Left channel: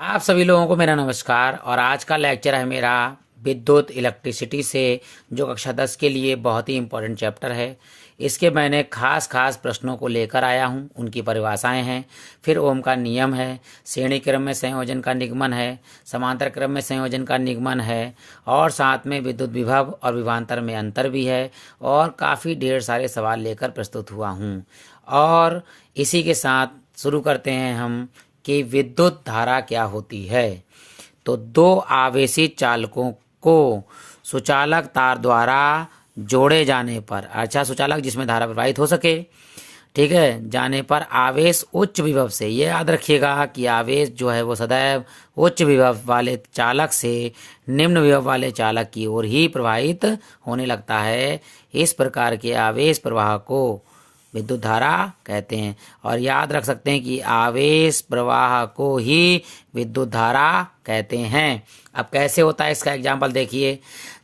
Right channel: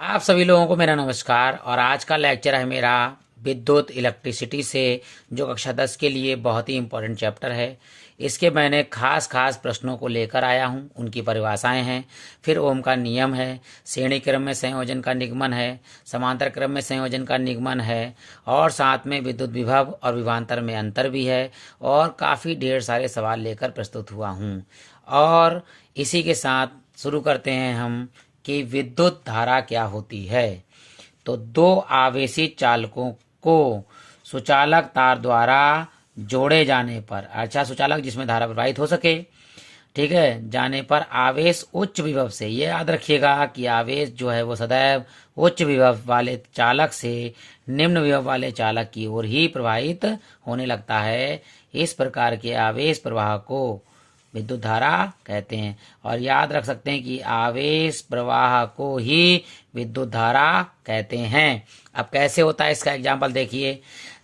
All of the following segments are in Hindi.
आप सभी लोगों को मेरा नमस्कार। और आज का लेक्चर है मेरा विद्युत इलेक्ट्रिसिटी से, जो कक्षा 10 के लिए बहुत ही इम्पोर्टेंट चैप्टर है। इसके मैंने खास प्रश्नों को लेकर आया हूं। उनकी परिभाषाएं हैं, फिर ओम का नियम है, श्रेणी क्रम में संयोजन का निगमन है, समांतर क्रम में संयोजन का निगमन है, और साथ में विद्युत विभव और विभवांतर में अंतर भी है, और काफ़ी ढेर सारे सवाल लेकर प्रस्तुत हुआ हूँ। और इसी के साथ शुरू करते हैं हम कि विद्युत धारा क्या होती है। तो दो आवेशी चालकों को सुचालक तार द्वारा जोड़े जाने पर, अच्छा सुचालक जिसमें धारा प्रवाहित हो सके, ठीक है, जाने पर आवेश उच्च विभव से, ये याद रखिएगा कि आवेश जो है वो सदैव उच्च विभव वाले चालक से निम्न विभव वाले चालक की ओर ही प्रवाहित होने लगता है। इस प्रकार के आवेश प्रवाह को विद्युत धारा कहते हैं। और याद रख सकते हैं कि आवेश प्रवाह को ही विद्युत धारा कहते हैं। अब कैसे होता है इसका एग्जाम्पल देखिए।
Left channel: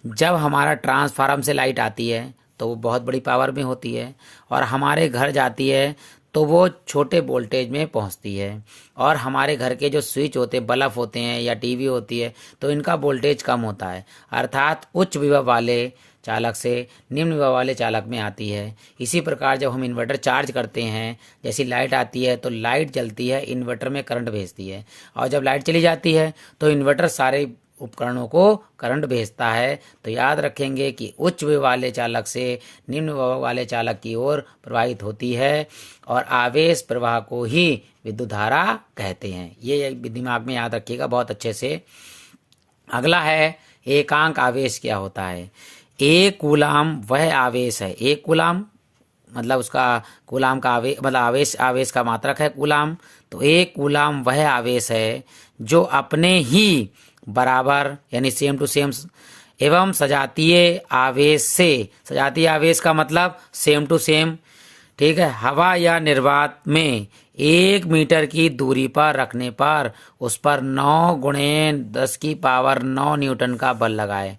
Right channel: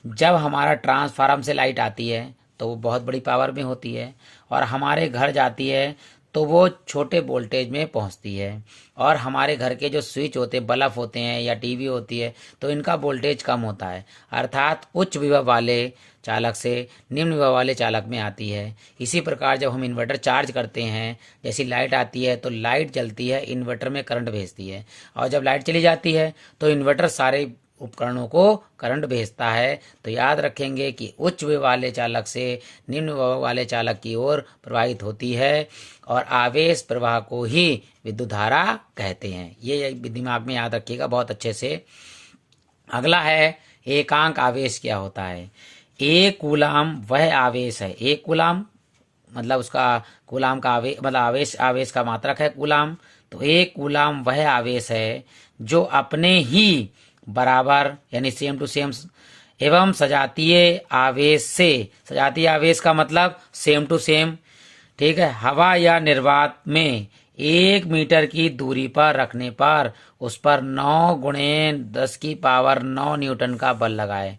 जब हमारा ट्रांसफार्मर से लाइट आती है तो वो बहुत बड़ी पावर में होती है, और हमारे घर जाती है तो वो छोटे वोल्टेज में पहुंचती है। और हमारे घर के जो स्विच होते हैं, बल्ब होते हैं या टीवी होती है, तो इनका वोल्टेज कम होता है, अर्थात उच्च विभव वाले चालक से निम्न विभव वाले चालक में आती है। इसी प्रकार जब हम इन्वर्टर चार्ज करते हैं, जैसी लाइट आती है तो लाइट जलती है, इन्वर्टर में करंट भेजती है, और जब लाइट चली जाती है तो इन्वर्टर सारे उपकरणों को करंट भेजता है। तो याद रखेंगे कि उच्च विभव वाले चालक से निम्न विभव वाले चालक की ओर प्रवाहित होती है, और आवेश प्रवाह को ही विद्युत धारा कहते हैं। ये दिमाग में याद रखिएगा बहुत अच्छे से। अगला है एकांक आवेश क्या होता है। एक कूलाम वह आवेश है, एक कूलाम मतलब उसका कूलाम का आवेश मतलब आवेश का मात्रक है कूलाम। तो एक कूलाम वह आवेश है जो अपने ही बराबर यानी सेम टू सेम एवं सजातीय आवेश से, सजातीय आवेश का मतलब सेम टू सेम, ठीक है, हवा या निर्वात में 1 मीटर की दूरी पर रखने पर उस पर 9 गुणे 10 की पावर 9 न्यूटन का बल लगाए,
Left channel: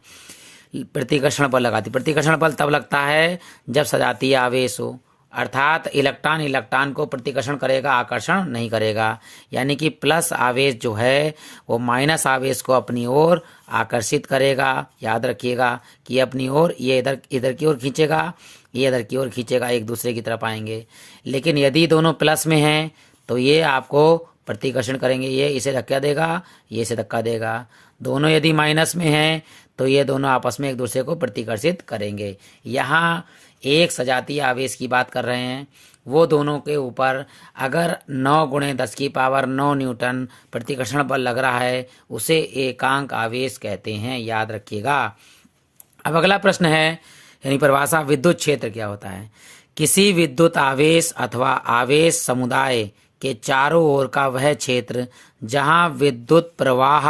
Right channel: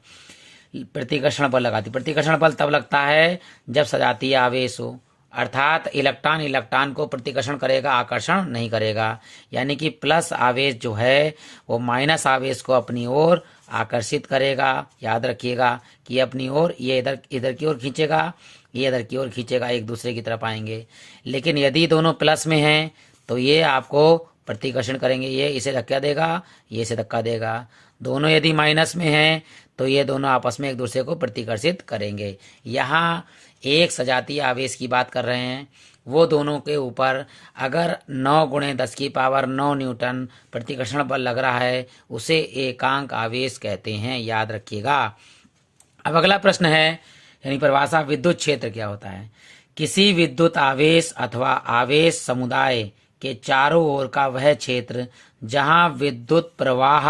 प्रतिकर्षण बल लगाती। प्रतिकर्षण बल तब लगता है जब सजातीय आवेश हो, अर्थात इलेक्ट्रॉन को प्रतिकर्षण करेगा, आकर्षण नहीं करेगा। यानी कि प्लस आवेश जो है वो माइनस आवेश को अपनी ओर आकर्षित करेगा। याद रखिएगा कि अपनी ओर ये इधर की ओर खींचेगा, ये इधर की ओर खींचेगा, एक दूसरे की तरफ आएंगे। लेकिन यदि दोनों प्लस में हैं तो ये आपको प्रतिकर्षण करेंगे, ये इसे धक्का देगा, ये इसे धक्का देगा। दोनों यदि माइनस में हैं तो ये दोनों आपस में एक दूसरे को प्रतिकर्षित करेंगे। यहाँ एक सजातीय आवेश की बात कर रहे हैं, वो दोनों के ऊपर अगर 9 गुणे 10 की पावर 9 न्यूटन प्रतिकर्षण बल लग रहा है, उसे एकांक आवेश कहते हैं। याद रखिएगा। अब अगला प्रश्न है, यानी परिभाषा, विद्युत क्षेत्र क्या होता है। किसी विद्युत आवेश अथवा आवेश समुदाय के चारों ओर का वह क्षेत्र जहां विद्युत प्रवाह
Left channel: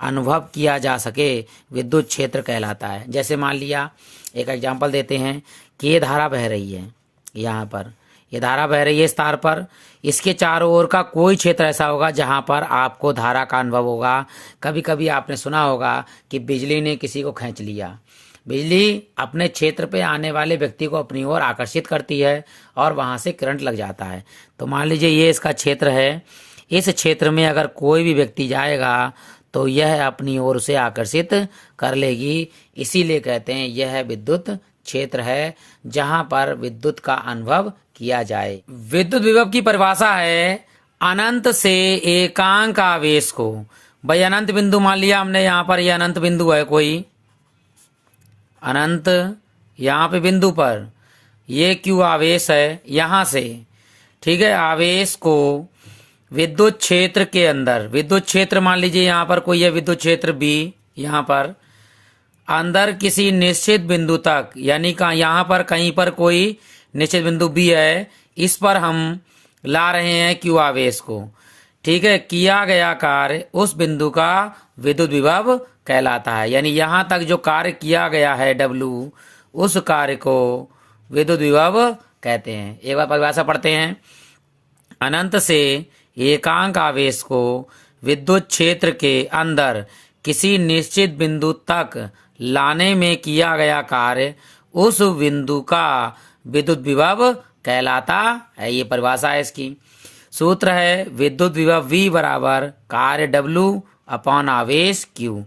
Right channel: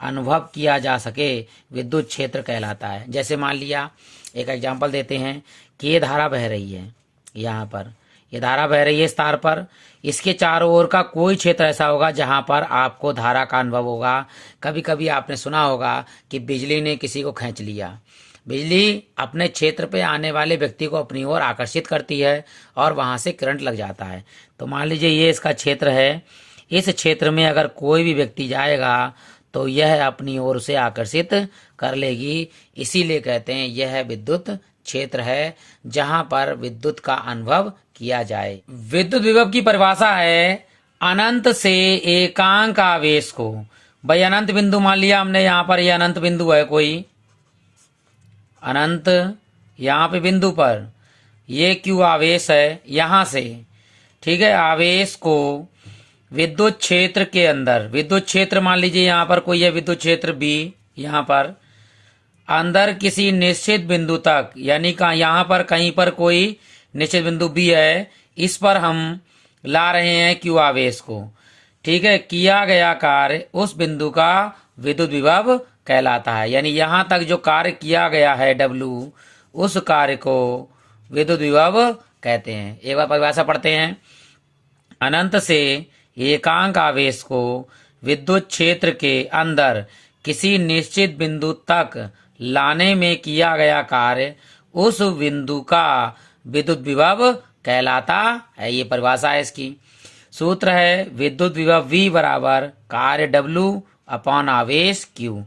अनुभव किया जा सके विद्युत क्षेत्र कहलाता है। जैसे मान लिया, एक एग्जांपल देते हैं कि ये धारा बह रही है, यहाँ पर ये धारा बह रही है इस तार पर, इसके चारों ओर का कोई क्षेत्र ऐसा होगा जहां पर आपको धारा का अनुभव होगा। कभी कभी आपने सुना होगा कि बिजली ने किसी को खींच लिया। बिजली अपने क्षेत्र पे आने वाले व्यक्ति को अपनी ओर आकर्षित करती है और वहां से करंट लग जाता है। तो मान लीजिए ये इसका क्षेत्र है, इस क्षेत्र में अगर कोई भी व्यक्ति जाएगा तो यह अपनी ओर से आकर्षित कर लेगी। इसीलिए कहते हैं यह विद्युत क्षेत्र है जहां पर विद्युत का अनुभव किया जाए। विद्युत विभव की परिभाषा है अनंत से एकांक आवेश को। भाई अनंत बिंदु मान लिया हमने, यहाँ पर यह अनंत बिंदु है, कोई अनंत यहाँ पे बिंदु पर ये क्यू आवेश है यहां से, ठीक है, आवेश को विद्युत क्षेत्र के अंदर, विद्युत क्षेत्र मान लीजिए यहाँ पर कोई है विद्युत क्षेत्र बी, यहाँ पर अंदर किसी निश्चित बिंदु तक, यानी यहाँ पर कहीं पर कोई निश्चित बिंदु बी है, इस पर हम ला रहे हैं क्यू आवेश को, ठीक है। किया गया कार्य उस बिंदु का विद्युत विभव कहलाता है। यानी यहां तक जो कार्य किया गया है डब्ल्यू, उस कार्य को विद्युत विभव कहते हैं। एक बार परिभाषा पढ़ते हैं। अनंत से एकांक आवेश को विद्युत क्षेत्र के अंदर किसी निश्चित बिंदु तक लाने में किया गया कार्य उस बिंदु का विद्युत विभव कहलाता है। ये परिभाषा है इसकी। सूत्र है विद्युत विभव V बराबर कार्य W अपॉन आवेश Q।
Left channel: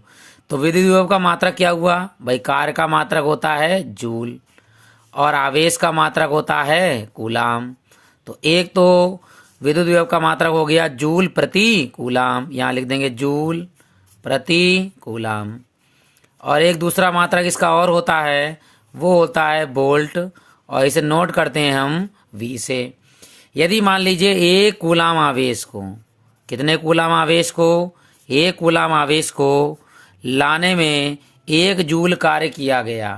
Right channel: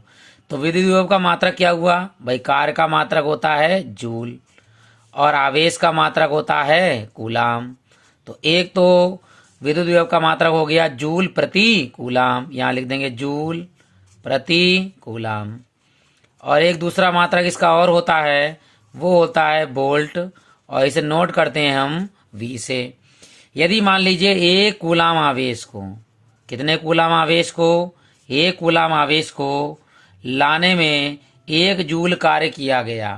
तो विद्युत विभव का मात्रक क्या हुआ भाई? कार्य का मात्रक होता है जूल और आवेश का मात्रक होता है कूलाम। तो एक तो विद्युत विभव का मात्रक हो गया जूल प्रति कूलाम, यहाँ लिख देंगे जूल प्रति कूलाम। और एक दूसरा मात्रक इसका और होता है, वो होता है वोल्ट, और इसे नोट करते हैं हम V से। यदि मान लीजिए एक कूलाम आवेश को, कितने कूलाम आवेश को? एक कूलाम आवेश को लाने में 1 जूल कार्य किया गया,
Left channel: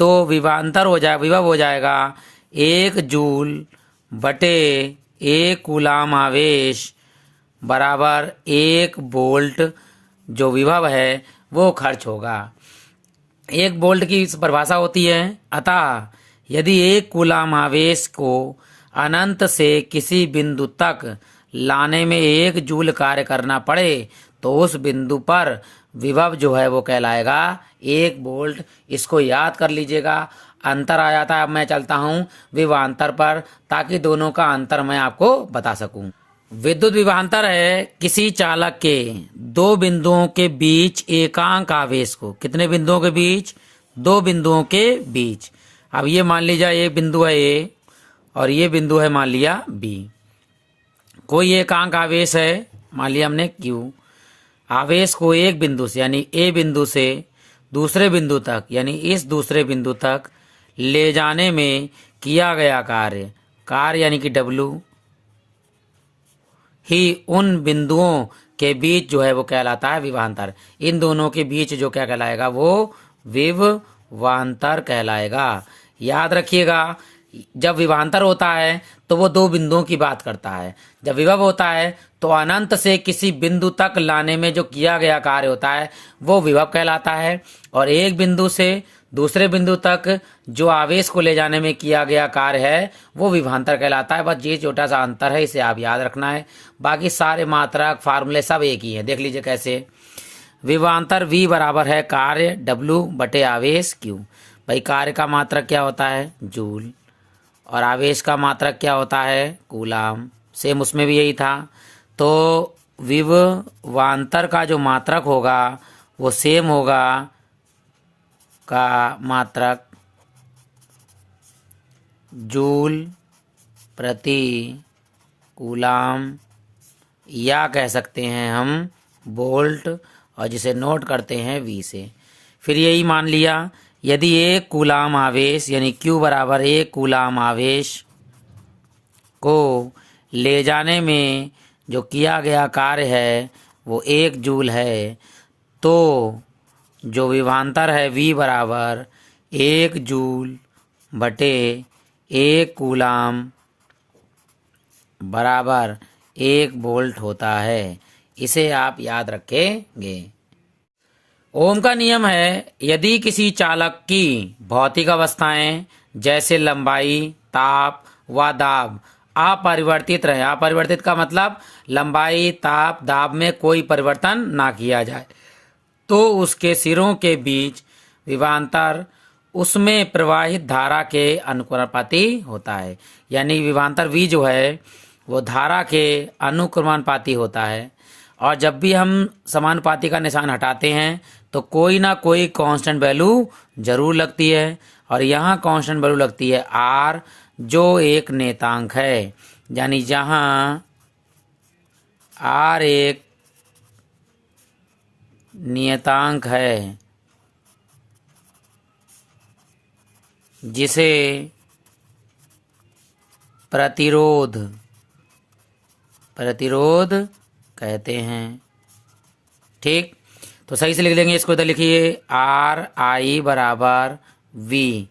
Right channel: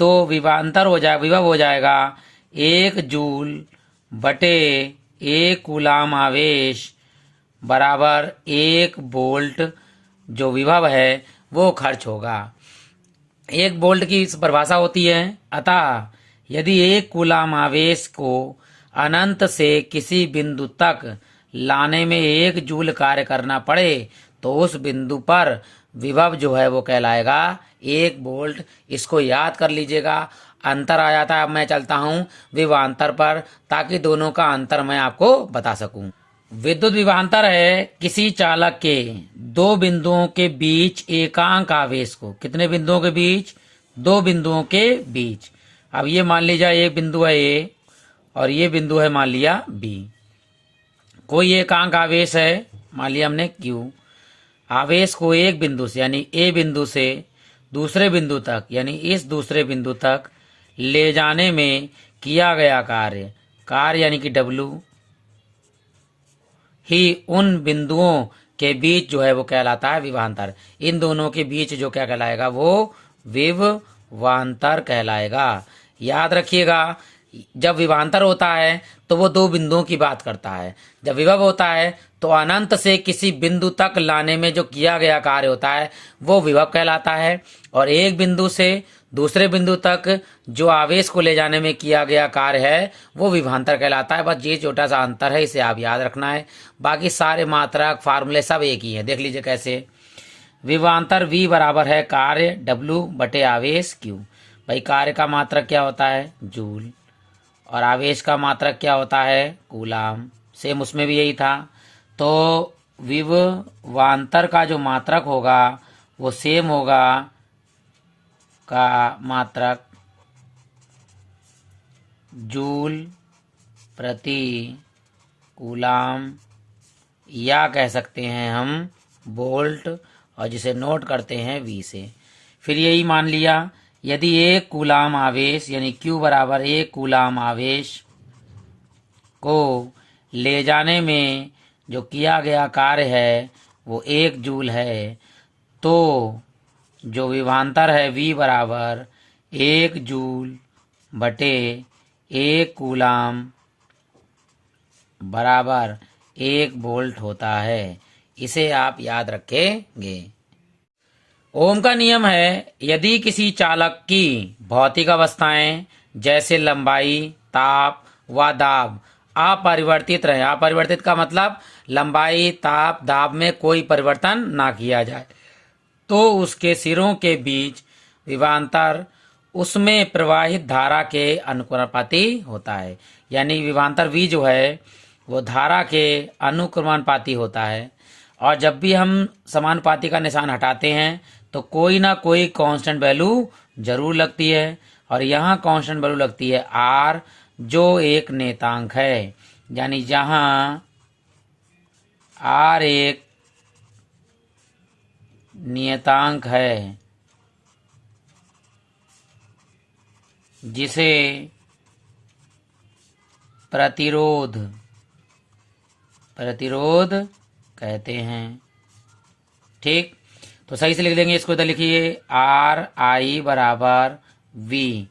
तो विभव हो जाएगा 1 जूल बटे 1 कूलाम आवेश बराबर 1 वोल्ट। जो विभव है वो खर्च होगा। 1 वोल्ट की परिभाषा होती है, अतः यदि 1 कूलाम आवेश को अनंत से किसी बिंदु तक लाने में 1 जूल कार्य करना पड़े तो उस बिंदु पर विभव जो है वो कहलाएगा 1 वोल्ट। इसको याद कर लीजिएगा। अंतर आ जाता है। अब मैं चलता हूं विभवांतर पर, ताकि दोनों का अंतर मैं आपको बता सकूं। विद्युत विभवांतर है किसी चालक के 2 बिंदुओं के बीच एकांक आवेश को, कितने बिंदुओं के बीच? 2 बिंदुओं के बीच। अब ये मान लीजिए एक बिंदु है A और ये बिंदु है मान लिया B। कोई एकांक आवेश है, मान लिया हमने Q। आवेश को एक बिंदु से यानी A बिंदु से दूसरे बिंदु तक यानी इस दूसरे बिंदु तक ले जाने में किया गया कार्य यानी कि W ही उन बिंदुओं के बीच जो है वो कहलाता है विभवांतर। इन दोनों के बीच जो क्या कहलाएगा? वो विभवांतर कहलाएगा। याद रखिएगा, जब विभवांतर होता है तो वो 2 बिंदुओं की बात करता है। जब विभव होता है तो अनंत से किसी बिंदु तक लाने में जो किया गया कार्य होता है वो विभव कहलाता है, और एक बिंदु से दूसरे बिंदु तक जो आवेश को ले जाने में किया गया कार्य है वो विभवांतर कहलाता है। बस ये छोटा सा अंतर है, इसे आप याद रखना है। बाकी सारे मात्रक फार्मूले सब एक ही है। देख लीजिए कैसे। विभवांतर V बराबर है कार्य W बटे आवेश Q। भाई कार्य का मात्रक क्या होता है? जूल, और आवेश का मात्रक क्या होता है? कूलाम। सेम उसमें भी यही था। तो विभवांतर का जो मात्रक होगा वो सेम होगा का मात्रक जूल प्रति कूलाम, या कह सकते हैं हम वोल्ट, और जिसे नोट करते हैं V से। फिर यही मान लिया, यदि 1 कूलाम आवेश यानी Q बराबर 1 कूलाम आवेश को ले जाने में जो किया गया कार्य है वो 1 जूल है, तो जो विभवांतर है V बराबर 1 जूल बटे 1 कूलाम बराबर 1 वोल्ट होता है। इसे आप याद रखेंगे। ओम का नियम है, यदि किसी चालक की भौतिक अवस्थाएं जैसे लंबाई, ताप व दाब अपरिवर्तित रहे, अपरिवर्तित का मतलब लंबाई, ताप, दाब में कोई परिवर्तन ना किया जाए, तो उसके सिरों के बीच विभवांतर उसमें प्रवाहित धारा के अनुक्रमानुपाती होता है। यानी विभवांतर V जो है वो धारा के अनुक्रमानुपाती होता है। और जब भी हम समानुपाती का निशान हटाते हैं तो कोई ना कोई कांस्टेंट वैल्यू जरूर लगती है, और यहाँ कांस्टेंट वैल्यू लगती है R, जो एक नेतांक है। यानी जहाँ R एक नियतांक है जिसे प्रतिरोध कहते हैं। ठीक, तो सही से लिख देंगे इसको। इधर लिखिए RI बराबर V।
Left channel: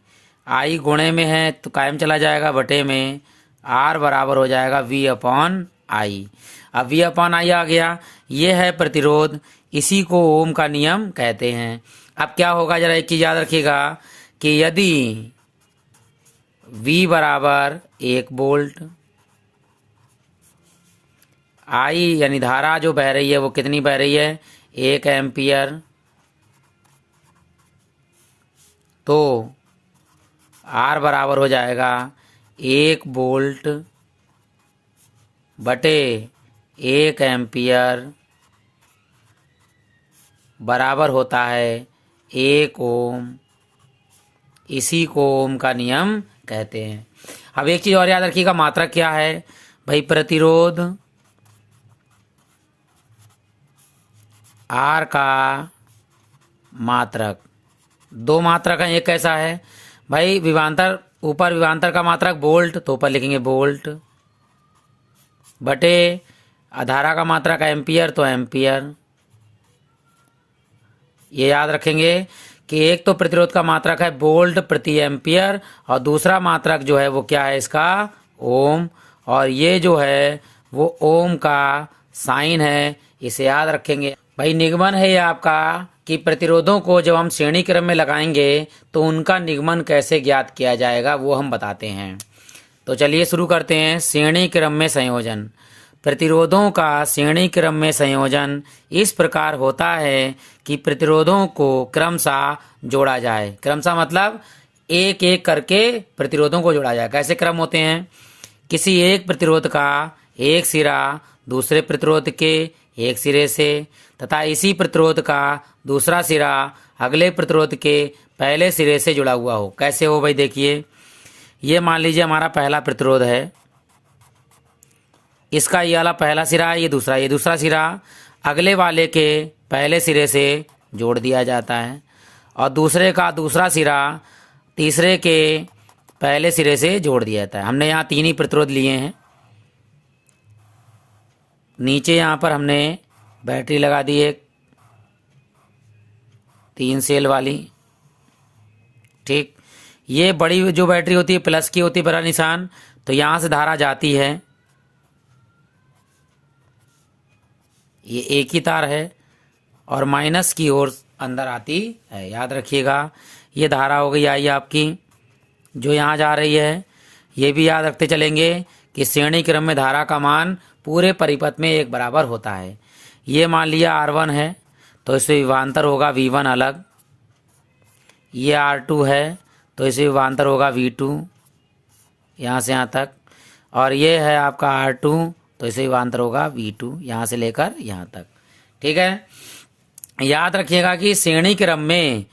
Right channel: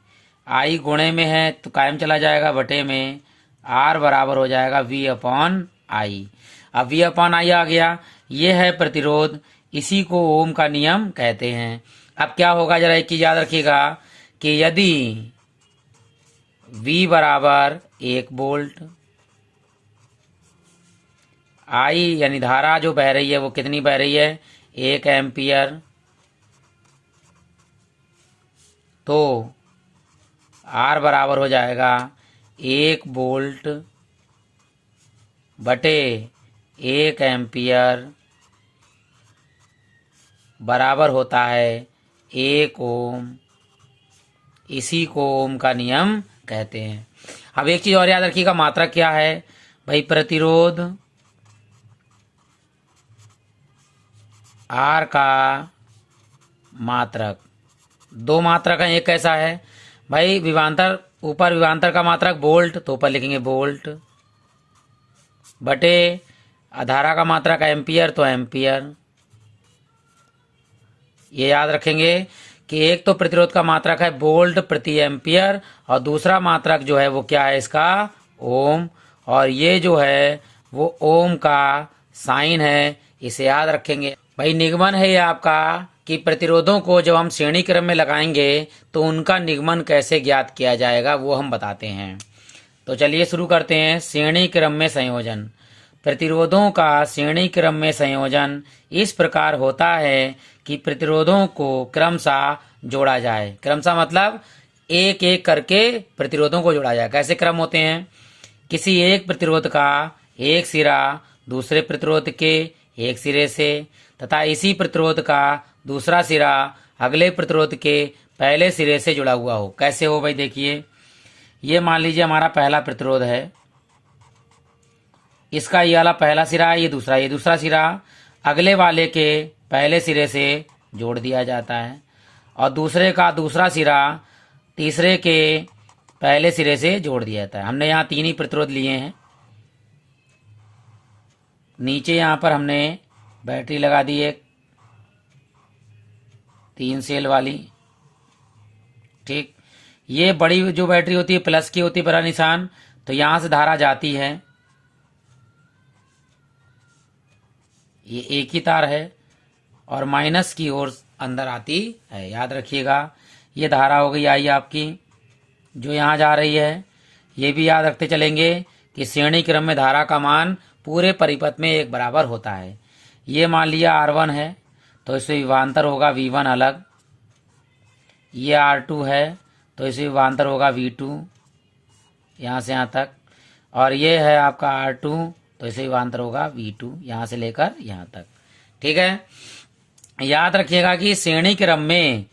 I गुणे में है तो कायम चला जाएगा, बटे में R बराबर हो जाएगा V अपॉन I। अब V अपॉन I आ गया, ये है प्रतिरोध, इसी को ओम का नियम कहते हैं। अब क्या होगा, जरा एक चीज याद रखिएगा कि यदि V बराबर 1 वोल्ट, I यानी धारा जो बह रही है वो कितनी बह रही है? 1 एम्पियर, तो R बराबर हो जाएगा 1 वोल्ट बटे 1 एम्पियर बराबर होता है 1 ओम। इसी को ओम का नियम कहते हैं। अब एक चीज और याद रखिएगा, मात्रक क्या है भाई? प्रतिरोध आर का मात्रक। दो मात्रक है, एक कैसा है भाई? विभवांतर, ऊपर विभवांतर का मात्रक वोल्ट, तो ऊपर लिखेंगे वोल्ट, बटे धारा का मात्रक एम्पियर, तो एम्पियर। ये याद रखेंगे कि एक तो प्रतिरोध का मात्रक है वोल्ट प्रति एम्पियर और दूसरा मात्रक जो है वो क्या है इसका? ओम। और ये जो है वो ओम का साइन है, इसे याद रखेंगे। भाई निगमन है ये आपका कि प्रतिरोधों को जब हम श्रेणी क्रम में लगाएंगे तो उनका निगमन कैसे ज्ञात किया जाएगा वो हम बताते हैं। तो चलिए शुरू करते हैं। श्रेणी क्रम में संयोजन। प्रतिरोधों का श्रेणी क्रम में संयोजन इस प्रकार होता है कि प्रतिरोधों को क्रमशः जोड़ा जाए। क्रमशः मतलब एक एक करके प्रतिरोधों को जोड़ा जाए। कैसे क्रम होते हैं? किसी एक प्रतिरोध का एक सिरा दूसरे प्रतिरोध के एक सिरे से तथा इसी प्रतिरोध का दूसरा सिरा अगले प्रतिरोध के पहले सिरे से जुड़ा हुआ हो। कैसे हो भाई? देखिए, ये मान लीजिए हमारा पहला प्रतिरोध है, इसका ये वाला पहला सिरा है, ये दूसरा सिरा अगले वाले के पहले सिरे से जोड़ दिया जाता है और दूसरे का दूसरा सिरा तीसरे के पहले सिरे से जोड़ दिया जाता है। हमने यहाँ 3 ही प्रतिरोध लिए हैं। नीचे यहाँ पर हमने बैटरी लगा दी एक 3 सेल वाली। ठीक, ये बड़ी जो बैटरी होती है प्लस की होती है, बड़ा निशान, तो यहाँ से धारा जाती है। ये एक ही तार है और माइनस की ओर अंदर आती है। याद रखिएगा, ये धारा हो गई आई आपकी जो यहाँ जा रही है। ये भी याद रखते चलेंगे कि श्रेणी क्रम में धारा का मान पूरे परिपथ में एक बराबर होता है। ये मान लिया R1 है तो इससे विभवांतर होगा V1 अलग। ये R2 है तो इससे विभवांतर होगा V2 यहाँ से यहाँ तक। और ये है आपका R2 तो इसे विभवांतर होगा V2 यहाँ से लेकर यहाँ तक। ठीक है, याद रखिएगा कि श्रेणी क्रम में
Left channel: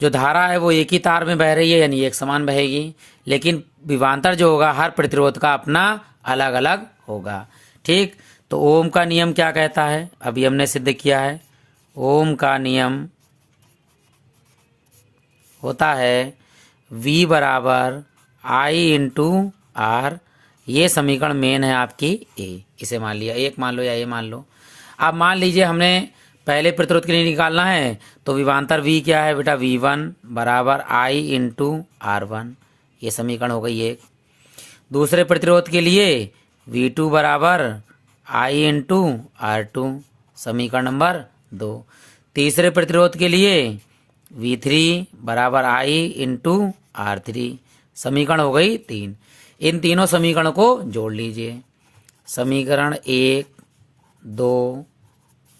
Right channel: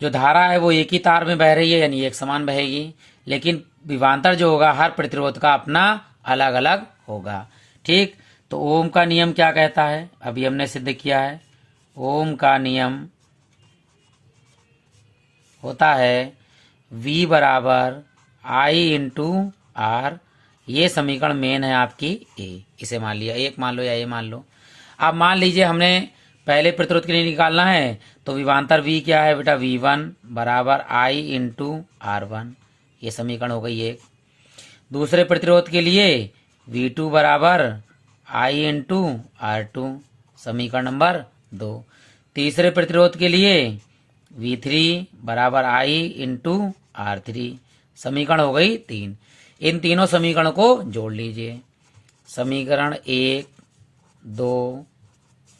जो धारा है वो एक ही तार में बह रही है, यानी एक समान बहेगी, लेकिन विभवांतर जो होगा हर प्रतिरोध का अपना अलग अलग होगा। ठीक, तो ओम का नियम क्या कहता है? अभी हमने सिद्ध किया है। ओम का नियम होता है V बराबर I इंटू R। ये समीकरण मेन है आपकी ए। इसे मान लिया, एक मान लो या ए मान लो। अब मान लीजिए हमने पहले प्रतिरोध के लिए निकालना है तो विभवांतर V क्या है बेटा? V1 बराबर I इंटू R1। ये समीकरण हो गई एक। दूसरे प्रतिरोध के लिए V2 बराबर I इंटू R2, समीकरण नंबर 2। तीसरे प्रतिरोध के लिए V3 बराबर I इंटू R3, समीकरण हो गई 3। इन तीनों समीकरणों को जोड़ लीजिए। समीकरण 1, 2,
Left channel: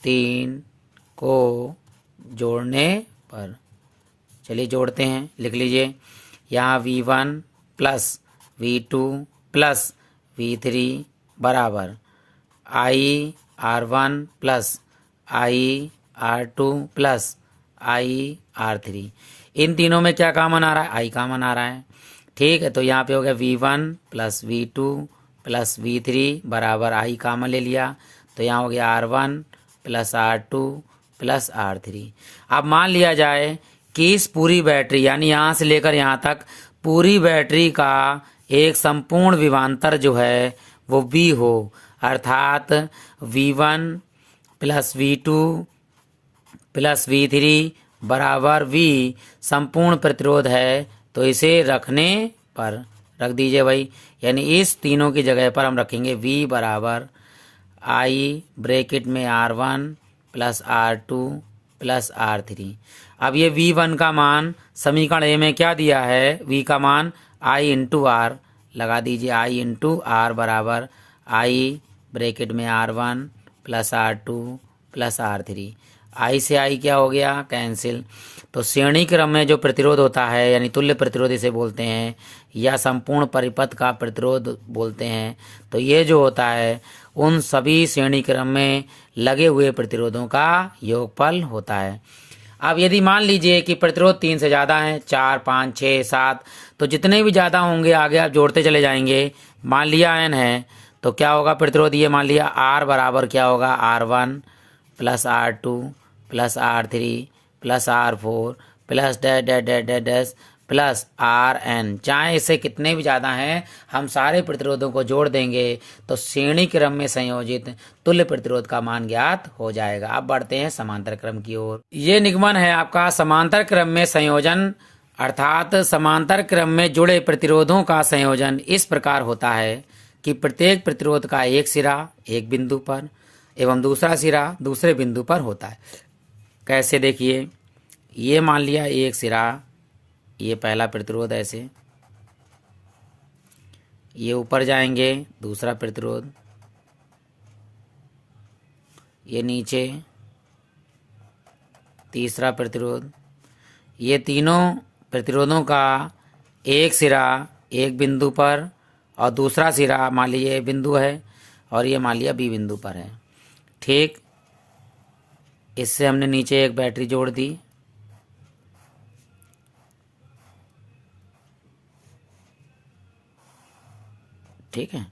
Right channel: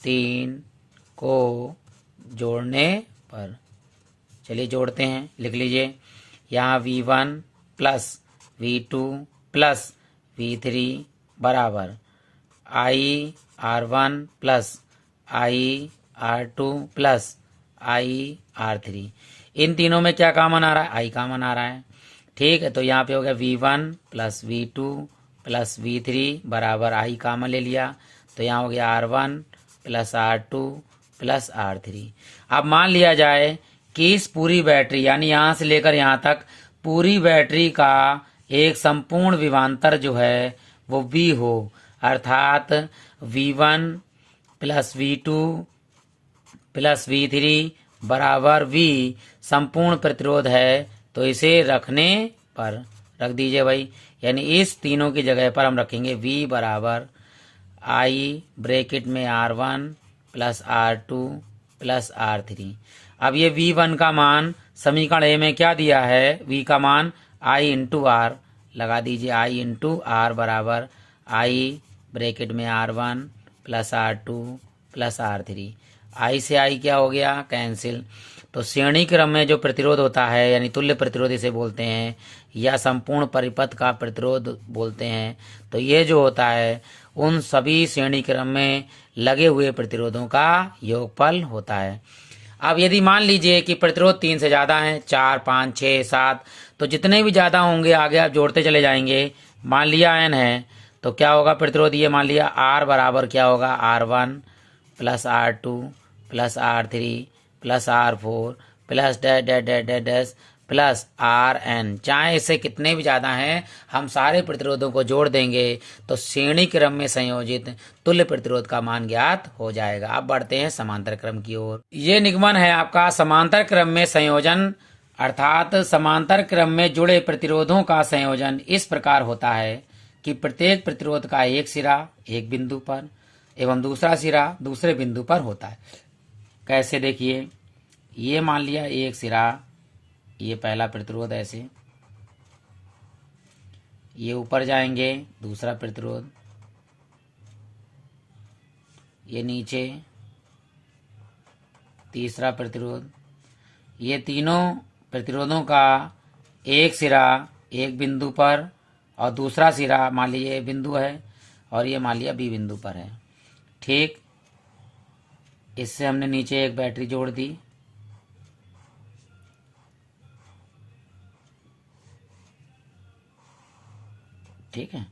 3 को जोड़ने पर, चलिए जोड़ते हैं, लिख लीजिए। यहाँ V1 plus V2 plus V3 बराबर I R1 plus I R2 plus I R3। इन तीनों में क्या कॉमन आ रहा है? I कॉमन आ रहा है। ठीक है, तो यहाँ पे हो गया V1 plus V2 plus V3 बराबर I कॉमन ले लिया, तो यहाँ हो गया R1 plus R2 plus R3। अब मान लिया जाए कि इस पूरी बैटरी यानी यहाँ से लेकर यहाँ तक पूरी बैटरी का एक संपूर्ण विभवांतर जो है वो V हो, अर्थात V1 plus V2 plus V3 बराबर V संपूर्ण प्रतिरोध है। तो इसे रखने पर रख दीजिए भाई, यानी इस तीनों की जगह पर हम रखेंगे V बराबर I ब्रैकेट में R1 plus R2 plus R3। अब ये V1 का मान समीकरण ए में क्या दिया है? V का मान I इंटू R लगा दीजिए। I इंटू R बराबर I ब्रैकेट में R1 plus R2 plus R3। I से I क्या हो गया? कैंसिल। तो श्रेणी क्रम में जो प्रतिरोध होता है यानी तुल्य प्रतिरोध इसे बोलते हैं या संपूर्ण परिपथ का प्रतिरोध बोलते हैं, तो ये जो होता है उन सभी श्रेणी क्रम में लगे हुए प्रतिरोधों का योगफल होता है। अब यदि मान लीजिए कि प्रतिरोध 3 से ज़्यादा हैं, 4, 5, 6, 7, तो जितने भी ज़्यादा होंगे आगे आप जोड़ते चले जाएंगे। मान लिया n है तो क्या होगा प्रतिरोध, ये मान लिया R बराबर क्या होगा, R1 plus R2 plus R3 plus R4 plus dash dash dash dash dash plus Rn। चाहे इससे कितने भी ज़्यादा हैं, हम सारे प्रतिरोधों को जोड़ देंगे तो श्रेणी क्रम में संयोजित तुल्य प्रतिरोध का मान ज्ञात हो जाएगा। अब बढ़ते हैं समांतर क्रम की ओर। ये निगमन है आपका समांतर क्रम में संयोजन, अर्थात समांतर क्रम में जुड़े प्रतिरोधों का संयोजन इस प्रकार होता है कि प्रत्येक प्रतिरोध का एक सिरा एक बिंदु पर एवं दूसरा सिरा दूसरे बिंदु पर होता है। कैसे, देखिए, ये मान लिया एक सिरा, ये पहला प्रतिरोध, ऐसे ये ऊपर जाएंगे दूसरा प्रतिरोध, ये नीचे तीसरा प्रतिरोध। ये तीनों प्रतिरोधों का एक सिरा एक बिंदु पर और दूसरा सिरा मान लीजिए बिंदु है और ये मान लिया बी बिंदु पर है। ठीक, इससे हमने नीचे एक बैटरी जोड़ दी। ठीक है,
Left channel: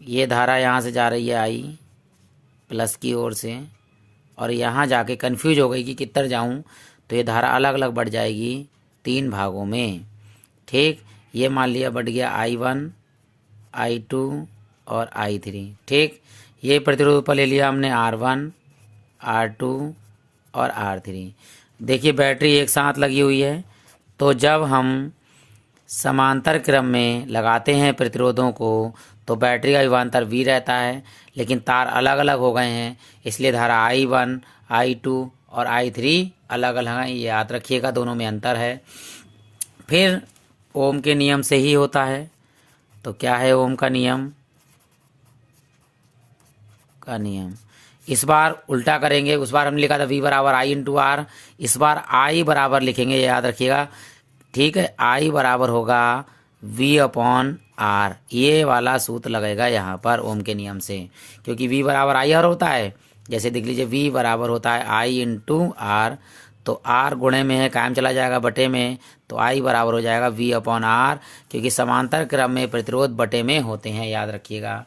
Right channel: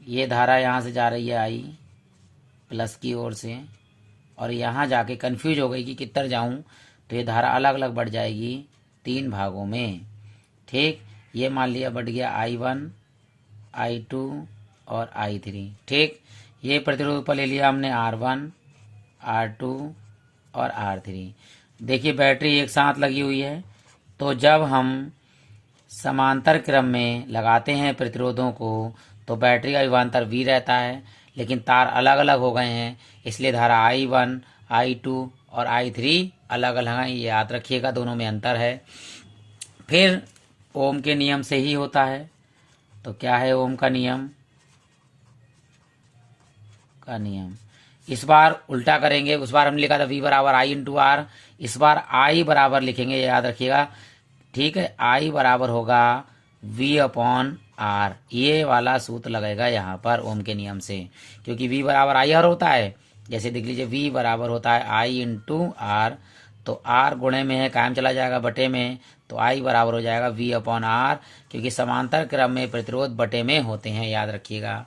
ये धारा यहाँ से जा रही है आई प्लस की ओर से, और यहाँ जाके कंफ्यूज हो गई कि किधर जाऊँ, तो ये धारा अलग अलग बढ़ जाएगी 3 भागों में। ठीक, ये मान लिया बढ़ गया I1, I2 और I3। ठीक, ये प्रतिरोध पर ले लिया हमने R1, R2 और R3। देखिए बैटरी एक साथ लगी हुई है, तो जब हम समांतर क्रम में लगाते हैं प्रतिरोधों को तो बैटरी का विभवांतर V रहता है, लेकिन तार अलग अलग हो गए हैं, इसलिए धारा I1, I2 और I3 अलग अलग हैं। ये याद रखिएगा, दोनों में अंतर है। फिर ओम के नियम से ही होता है। तो क्या है ओम का नियम? इस बार उल्टा करेंगे। उस बार हमने लिखा था V बराबर I इंटू आर, इस बार I बराबर लिखेंगे, याद रखिएगा। ठीक है, I बराबर होगा V अपॉन आर। ये वाला सूत्र लगेगा यहाँ पर ओम के नियम से, क्योंकि V बराबर I आर होता है। जैसे देख लीजिए V बराबर होता है I इंटू आर, तो R गुणे में है, कायम चला जाएगा बटे में, तो I बराबर हो जाएगा V अपॉन आर, क्योंकि समांतर क्रम में प्रतिरोध बटे में होते हैं, याद रखिएगा।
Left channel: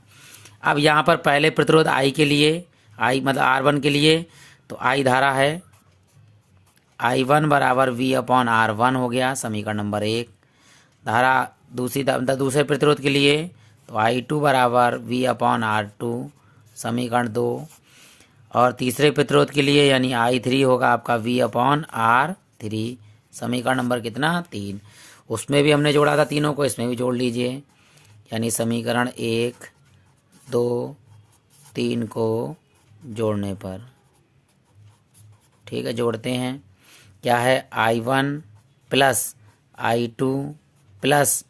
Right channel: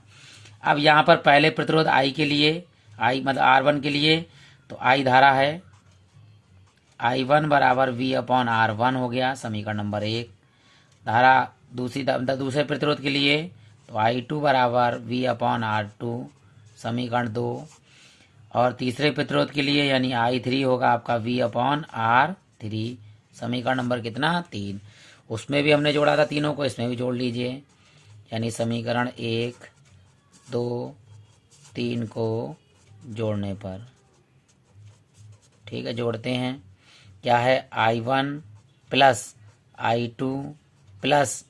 अब यहाँ पर पहले प्रतिरोध I के लिए, I मतलब R1 के लिए, तो I धारा है, I1 बराबर V अपॉन R1 हो गया, समीकरण नंबर 1। धारा दूसरे प्रतिरोध के लिए तो I2 बराबर V अपॉन R2, समीकरण 2। और तीसरे प्रतिरोध के लिए यानी I3 होगा आपका V अपॉन R3, समीकरण नंबर कितना? 3। उसमें भी हमने जोड़ा था तीनों को, इसमें भी जोड़ लीजिए, यानी समीकरण 1, 2, 3 को जोड़ने पर। ठीक है, जोड़ते हैं। क्या है? I1 plus I2 plus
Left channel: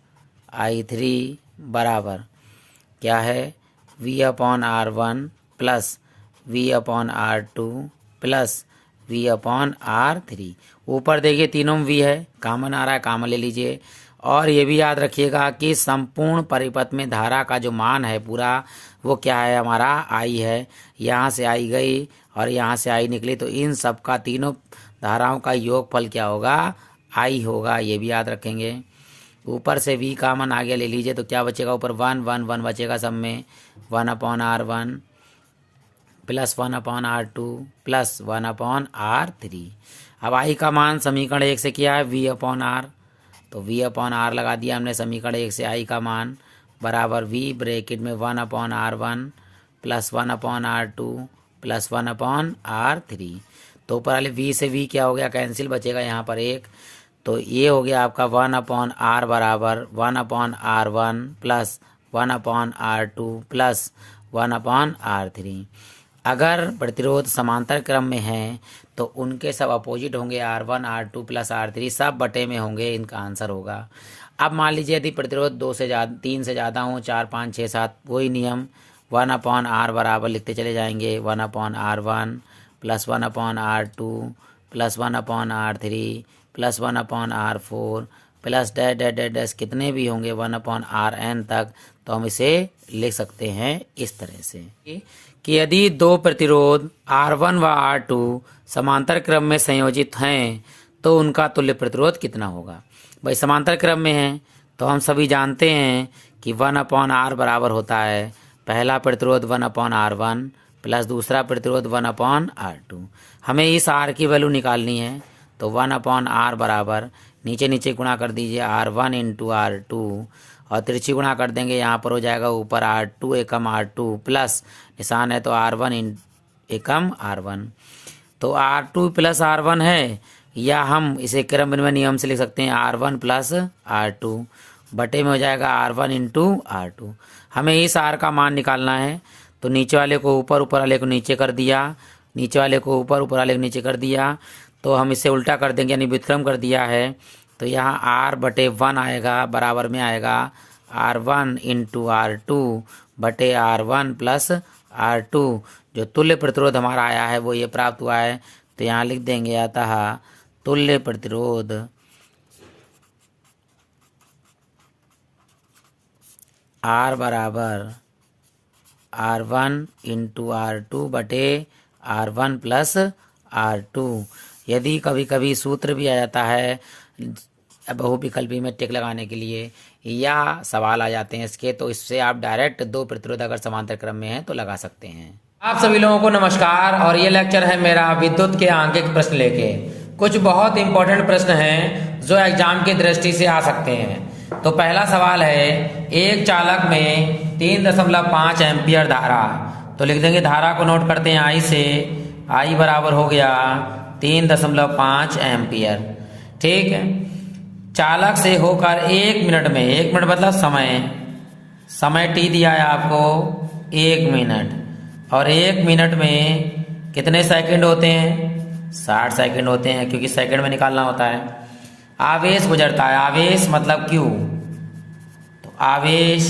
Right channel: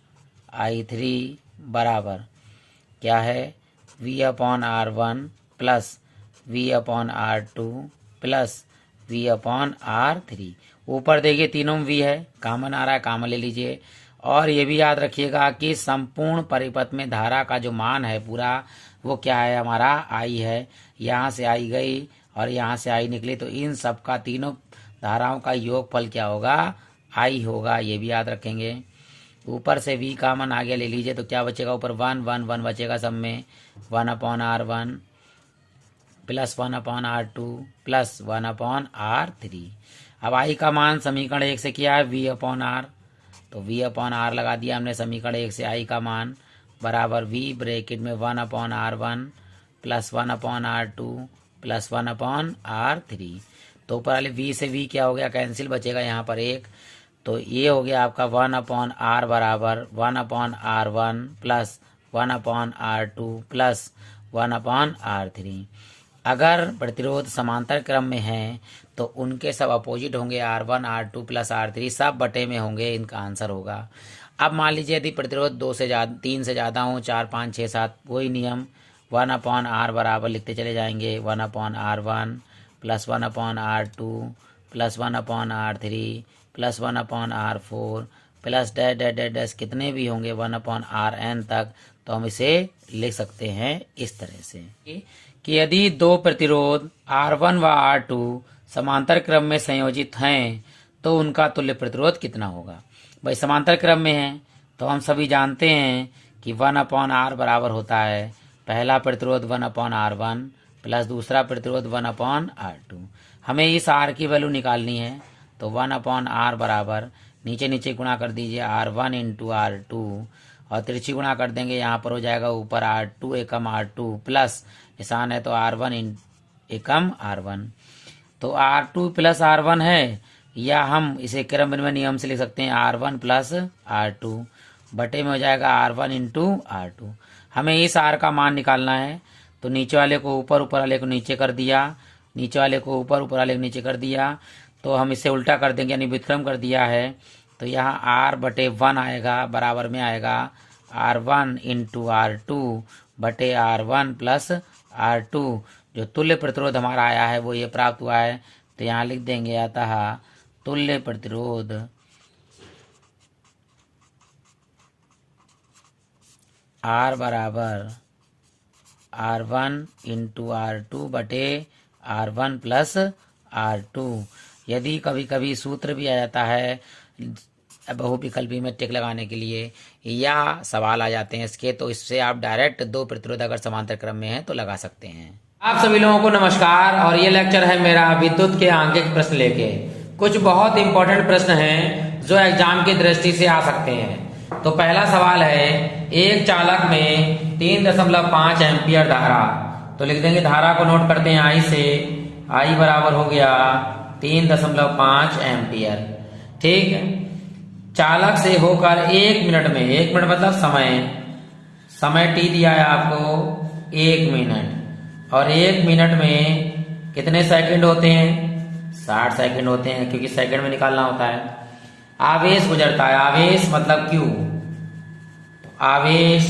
I3 बराबर क्या है? V upon R1 plus V upon R2 plus V upon R3। ऊपर देखिए तीनों में V है, कॉमन आ रहा है, कॉमन ले लीजिए। और ये भी याद रखिएगा कि संपूर्ण परिपथ में धारा का जो मान है पूरा, वो क्या है? हमारा I है। यहाँ से I गई और यहाँ से I निकली, तो इन सब का, तीनों धाराओं का योगफल क्या होगा? I होगा। ये भी याद रखेंगे। ऊपर से V कॉमन आ गया, ले लीजिए, तो क्या बचेगा? ऊपर 1 1 1 बचेगा सब में, 1 upon R1 plus 1 upon R2 plus 1 upon R3। अब I का मान समीकरण 1 से किया है V अपॉन R, तो V अपॉन R लगा दिया हमने समीकरण 1 से। I का मान बराबर V ब्रैकेट में 1 upon R1 plus 1 upon R2 plus 1 upon R3। तो ऊपर वाले V से V क्या हो गया? कैंसिल, बचेगा यहाँ पर 1। तो ये हो गया आपका 1 अपॉन R बराबर 1 upon R1 plus 1 upon R2 plus 1 upon R3। अगर प्रतिरोध समांतर क्रम में हैं तो उनके सब अपोजिट होंगे, R1 R2 प्लस R3 सब बटे में होंगे, इनका आंसर होगा। अब मान लीजिए यदि प्रतिरोध 2 से ज़्यादा, 3 से ज़्यादा हों, 4 5 6 7, वही नियम 1 अपॉन R बराबर लिखते चले जाएंगे, 1 upon R1 plus 1 upon R2 plus 1 upon R3 plus 1 upon R4 plus dash dash dash dash कितने भी होंगे 1/Rn तक, तो हम इसे लिख सकते हैं इस तरह से कि यदि दो प्रतिरोध R1 व R2 समांतर क्रम में संयोजित हैं तो उनका तुल्य प्रतिरोध कितना होगा। भाई समांतर क्रम में है तो हम सभी जानते हैं कि 1/R बराबर होता है पहला प्रतिरोध 1/R1 प्लस दूसरा प्रतिरोध 1/R2। हमें इस R की वैल्यू निकालनी है तो 1/R बराबर नीचे नीचे गुणा कर दीजिए R1 इंटू R2 और तिरछी गुणा कर देंगे, यहाँ पर हो जाएगा ऊपर R2 एकम R2 प्लस निशान है तो R1 एकम R1। तो R2 प्लस R1 है, या हम इसे क्रमबद्ध नियम से लिख सकते हैं R1 प्लस R2 बटे में हो जाएगा R1 इंटू R2। हमें इस R का मान निकालना है तो नीचे वाले को ऊपर, ऊपर वाले को नीचे कर दिया, नीचे वाले को ऊपर, ऊपर वाले को नीचे कर दिया, तो हम इसे उल्टा कर देंगे यानी व्युत्क्रम कर दिया है तो यहाँ R/1 आएगा, बराबर में आएगा R1 इंटू R2 बटे R1 प्लस R2। जो तुल्य प्रतिरोध हमारा आया है वो ये प्राप्त हुआ है, तो यहाँ लिख देंगे अतः तुल्य प्रतिरोध R बराबर R1 इंटू R2 बटे R1 प्लस R2। यदि कभी कभी सूत्र भी आ जाता है बहुविकल्पी में टिक लगाने के लिए, या सवाल आ जाते हैं इसके, तो इससे आप डायरेक्ट दो प्रतिरोध अगर समांतर क्रम में है तो लगा सकते हैं। आप सभी लोगों को नमस्कार, और ये लेक्चर है मेरा विद्युत के आंकिक प्रश्न लेके। कुछ बहुत इंपॉर्टेंट प्रश्न हैं जो एग्जाम की दृष्टि से आ सकते हैं। तो पहला सवाल है, एक चालक में 3.5 एम्पियर धारा, तो लिख देंगे धारा को नोट करते हैं I से, I बराबर हो गया 3.5 एम्पियर। ठीक है, चालक से होकर 1 मिनट में, 1 मिनट मतलब समय t दिया है आपको 1 मिनट, और 1 मिनट में कितने सेकंड होते हैं, 60 सेकंड होते हैं, क्योंकि सेकंड में निकालना होता है। आवेश गुजरता है, आवेश मतलब Q, तो आवेश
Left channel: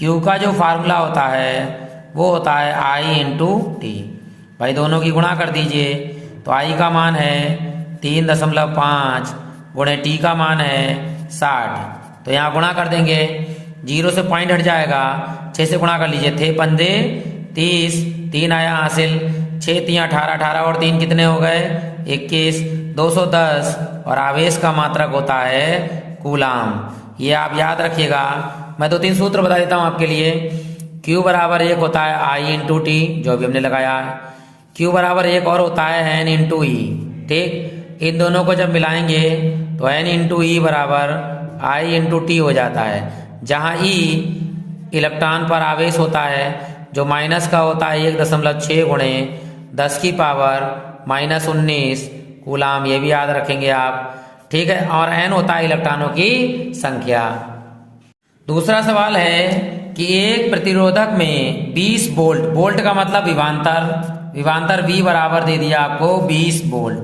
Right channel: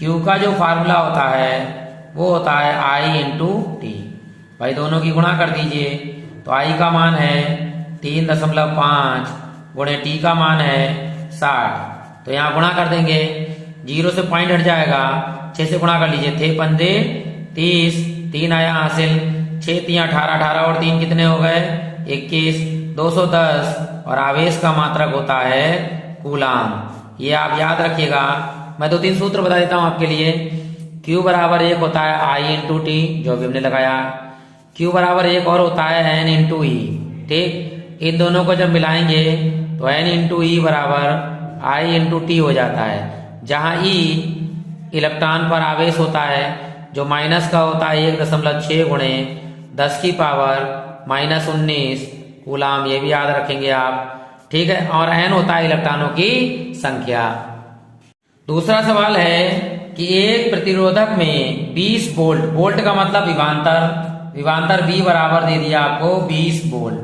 Q का जो फार्मूला होता है वो होता है I इंटू टी। भाई दोनों की गुणा कर दीजिए, तो I का मान है 3.5 गुणे टी का मान है 60, तो यहाँ गुणा कर देंगे, 0 से पॉइंट हट जाएगा, 6 से गुणा कर लीजिए, थे 15 30, 3 आया हासिल, 6 3 18, 18 और 3 कितने हो गए 21, 210, और आवेश का मात्रक होता है कूलाम। ये आप याद रखिएगा। मैं 2-3 सूत्र बता देता हूं आपके लिए। Q बराबर 1 होता है I इंटू टी, जो भी हमने लगाया। Q बराबर 1 और होता है N इंटू ई। ठीक, इन दोनों को जब मिलाएंगे तो N इंटू ई बराबर I इंटू टी हो जाता है, जहां E इलेक्ट्रॉन पर आवेश होता है, जो माइनस का होता है 1.6 गुणे 10 की पावर -19 कूलाम, ये भी याद रखेंगे आप। ठीक है, और N होता है इलेक्ट्रॉनों की संख्या। दूसरा सवाल है कि एक प्रतिरोधक में 20 वोल्ट, वोल्ट का मतलब विभवांतर, विभवांतर V बराबर दे दिया आपको 20 वोल्ट,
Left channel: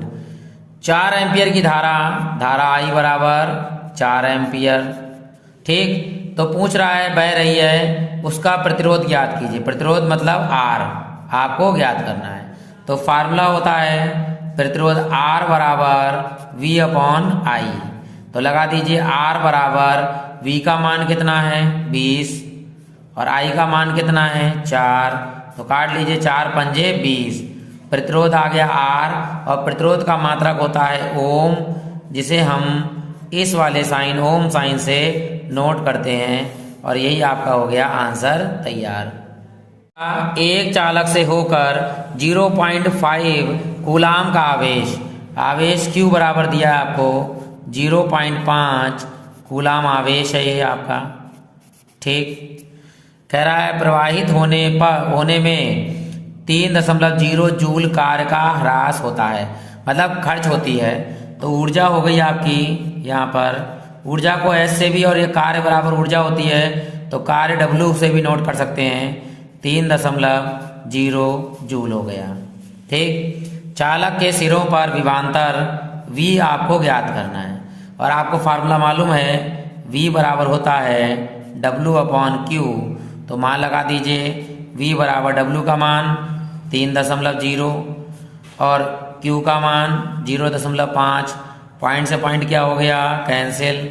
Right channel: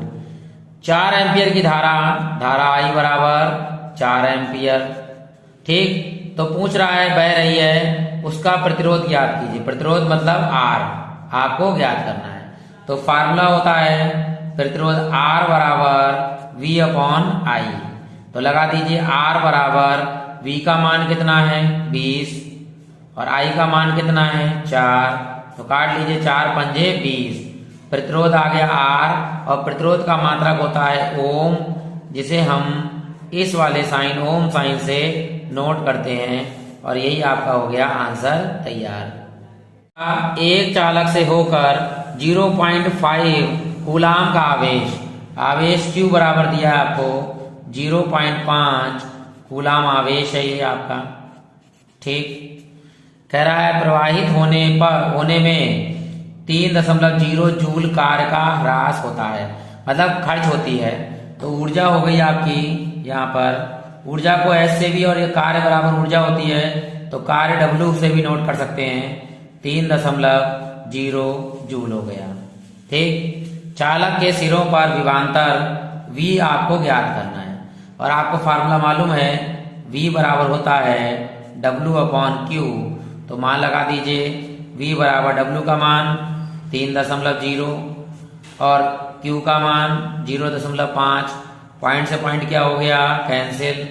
4 एम्पियर की धारा I बराबर 4 एम्पियर। ठीक, तो पूछ रहा है बह रही है, उसका प्रतिरोध ज्ञात कीजिए। प्रतिरोध मतलब R, आपको ज्ञात करना है। तो फार्मूला होता है प्रतिरोध R बराबर V/I, तो लगा दीजिए R बराबर V का मान कितना है 20 और I का मान कितना है 4, तो काट लीजिए 4 पंजे 20। प्रतिरोध आ गया R, और प्रतिरोध का मात्रक होता है ओम, जिसे हम इस वाले साइन ओम साइन से नोट करते हैं, और यही आपका हो गया आंसर तैयार। एक चालक से होकर 0.5 कूलाम का आवेश, आवेश Q बराबर दिया है आपको 0.5 कूलाम आवेश है ये आपका। ठीक, कह रहा है प्रवाहित होने में 3.0 जूल कार्य का ह्रास होता है, मतलब खर्च होती है। तो ऊर्जा हो गई आपकी, यहाँ पर ऊर्जा को S से भी, और ये कार्य बराबर ऊर्जा होती है तो कार्य W से भी नोट कर सकते हैं, 3.0 जूल हो गया। ठीक, चालक के सिरों पर विभवांतर V आपको ज्ञात करना है, और आपको फार्मूला मालूम है V बराबर होता है W/Q, तो मान लगा दीजिए V बराबर W का मान 3.0 और Q का मान 0.5, पॉइंट से पॉइंट क्या हो गया कैंसिल,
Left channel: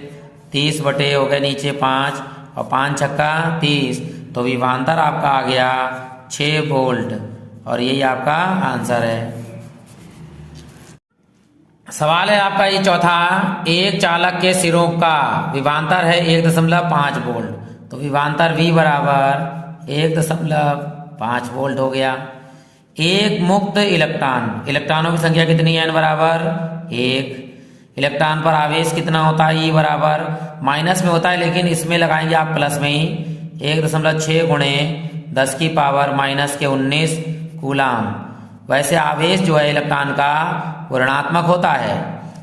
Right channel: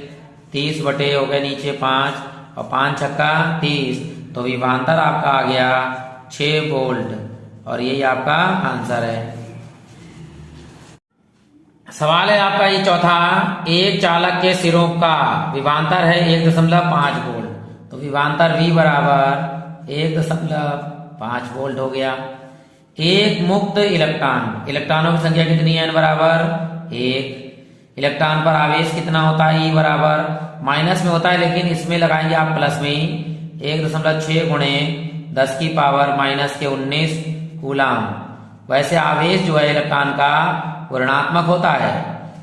30 बटे हो गए नीचे 5 और 5 छक्का 30, तो विभवांतर आपका आ गया 6 वोल्ट और यही आपका आंसर है। सवाल है आपका ये चौथा, एक चालक के सिरों का विभवांतर है 1.5 वोल्ट, तो विभवांतर V बराबर 1.5 वोल्ट हो गया। एक मुक्त इलेक्ट्रॉन, इलेक्ट्रॉनों की संख्या कितनी है, n बराबर 1। इलेक्ट्रॉन पर आवेश कितना होता है, E बराबर, माइनस में होता है लेकिन इसमें लगाएंगे आप प्लस में ही, 1.6 गुणे 10 की पावर माइनस के 19 कूलाम। वैसे आवेश जो है इलेक्ट्रॉन का वो ऋणात्मक होता है,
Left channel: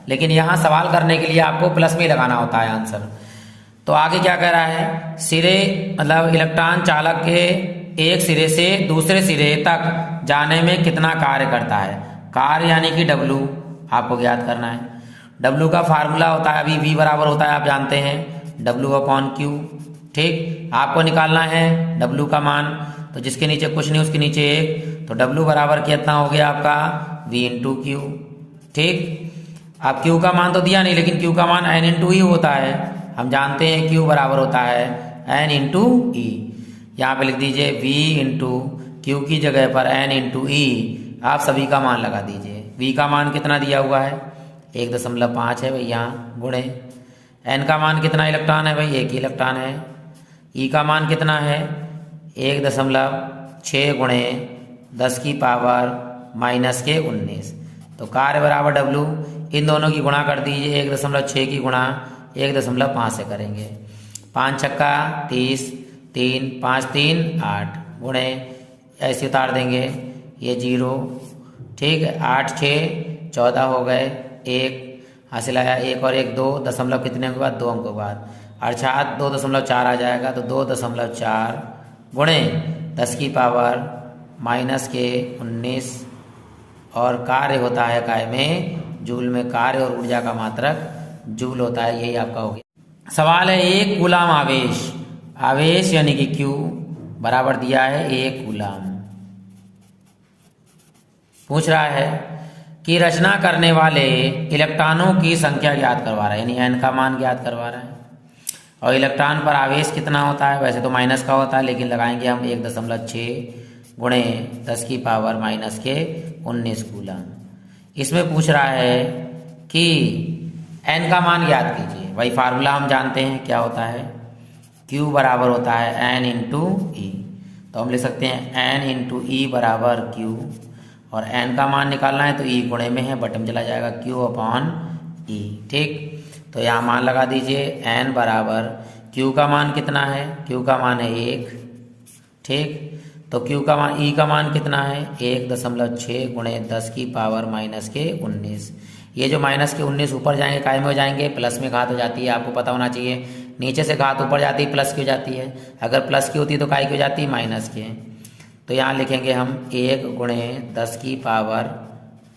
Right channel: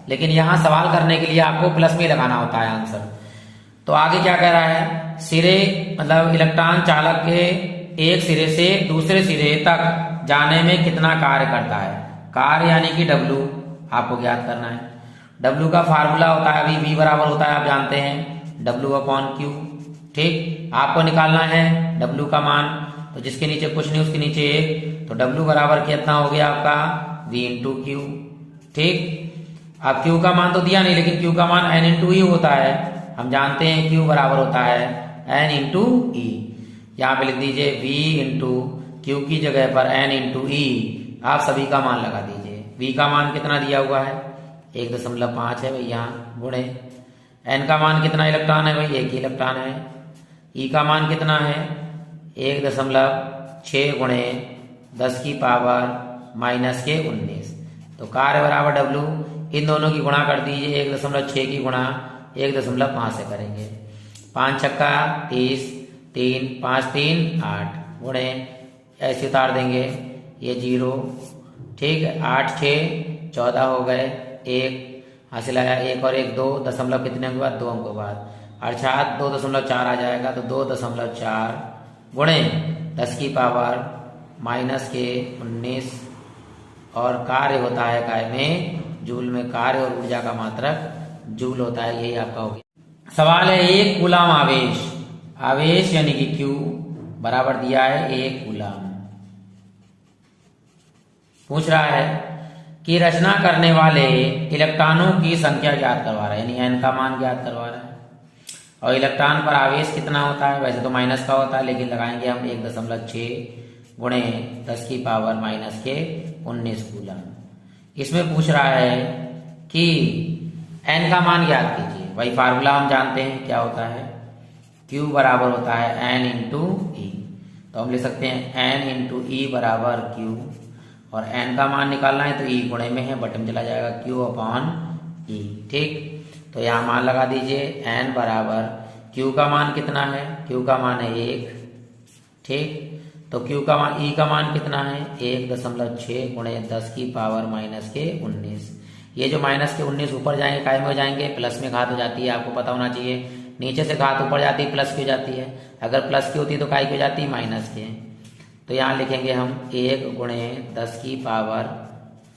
लेकिन यहां सवाल करने के लिए आपको प्लस में लगाना होता है आंसर। तो आगे क्या कह रहा है, सिरे मतलब इलेक्ट्रॉन चालक के एक सिरे से दूसरे सिरे तक जाने में कितना कार्य करता है। कार्य यानी कि W आपको ज्ञात करना है। W का फार्मूला होता है, अभी V बराबर होता है आप जानते हैं W/Q। ठीक, आपको निकालना है W का मान, तो जिसके नीचे कुछ नहीं उसके नीचे 1, तो W बराबर कितना हो गया आपका V/Q। ठीक, अब Q का मान तो दिया नहीं, लेकिन Q का मान N ही होता है। हम जानते हैं Q बराबर होता है N/E। यहाँ पे लिख दीजिए V/Q की जगह पर N/E, आप सभी का मान लगा दीजिए। V का मान कितना दिया हुआ है 1.5 है भाई, यहाँ गुणे N का मान कितना इलेक्ट्रॉन है भाई, 1 इलेक्ट्रॉन है। E का मान कितना है 1.6 गुणे 10 की पावर माइनस के 19, तो कार्य बराबर W, इन दोनों की गुणा कर दीजिए, 1.6 की गुणा 1.5 से करेंगे, 5 छक्का 30, 3 5 3 8 गुणे ऐसे उतार देंगे, ये 0। ठीक है, 8 6 14 हो गए, 1 हासिल आया, 1 और 1 2, दशमलव कितने के बाद 2 अंक के बाद, अर्थात 2.4 आ जाएगा, तो 2.4 गुणे 10 की पावर माइनस के 19, और कार्य होता है काय में जूल में, कार्य और ऊर्जा का मात्रक जूल होता है, यही आपका हो गया। सवाल है, एक कूलाम आवेश, आवेश यानी कि Q बराबर दिया है 1 कूलाम। पूछ रहा है कि रचना करने वाले इलेक्ट्रॉनों की संख्या ज्ञात करवा रहा है, यानी N का मान ज्ञात करवा रहा है, और इलेक्ट्रॉन पर आवेश कितना होता है, वैसे तो माइनस का होता है लेकिन लगाएंगे हम 1.6 गुणे 10 की पावर माइनस के 19 कूलाम। इसमें पूछ रहा है कि N का मान ज्ञात कीजिए। वही फार्मूला हम जानते हैं क्या होता है, Q बराबर होता है N/E, तो हम लिख सकते हैं N/E बराबर Q, और N का मान निकालना है तो E गुणे में है, बटन चला जाएगा Q/E। ठीक, तो यहाँ मान लगा दीजिए, N बराबर Q का मान कितना है, Q का मान है 1। ठीक, तो Q का मान, E का मान कितना है 1.6 गुणे 10 की पावर माइनस के 19। ये जो माइनस के 19 ऊपर जाएंगे काय में हो जाएंगे, प्लस में घात हो जाती है, आपको पता होना चाहिए। नीचे से घात ऊपर जाती है प्लस की हो जाती है, अगर प्लस की होती है तो काय की हो जाती है, माइनस के। तो यहाँ लिखेंगे हम 1 गुणे 10 की पावर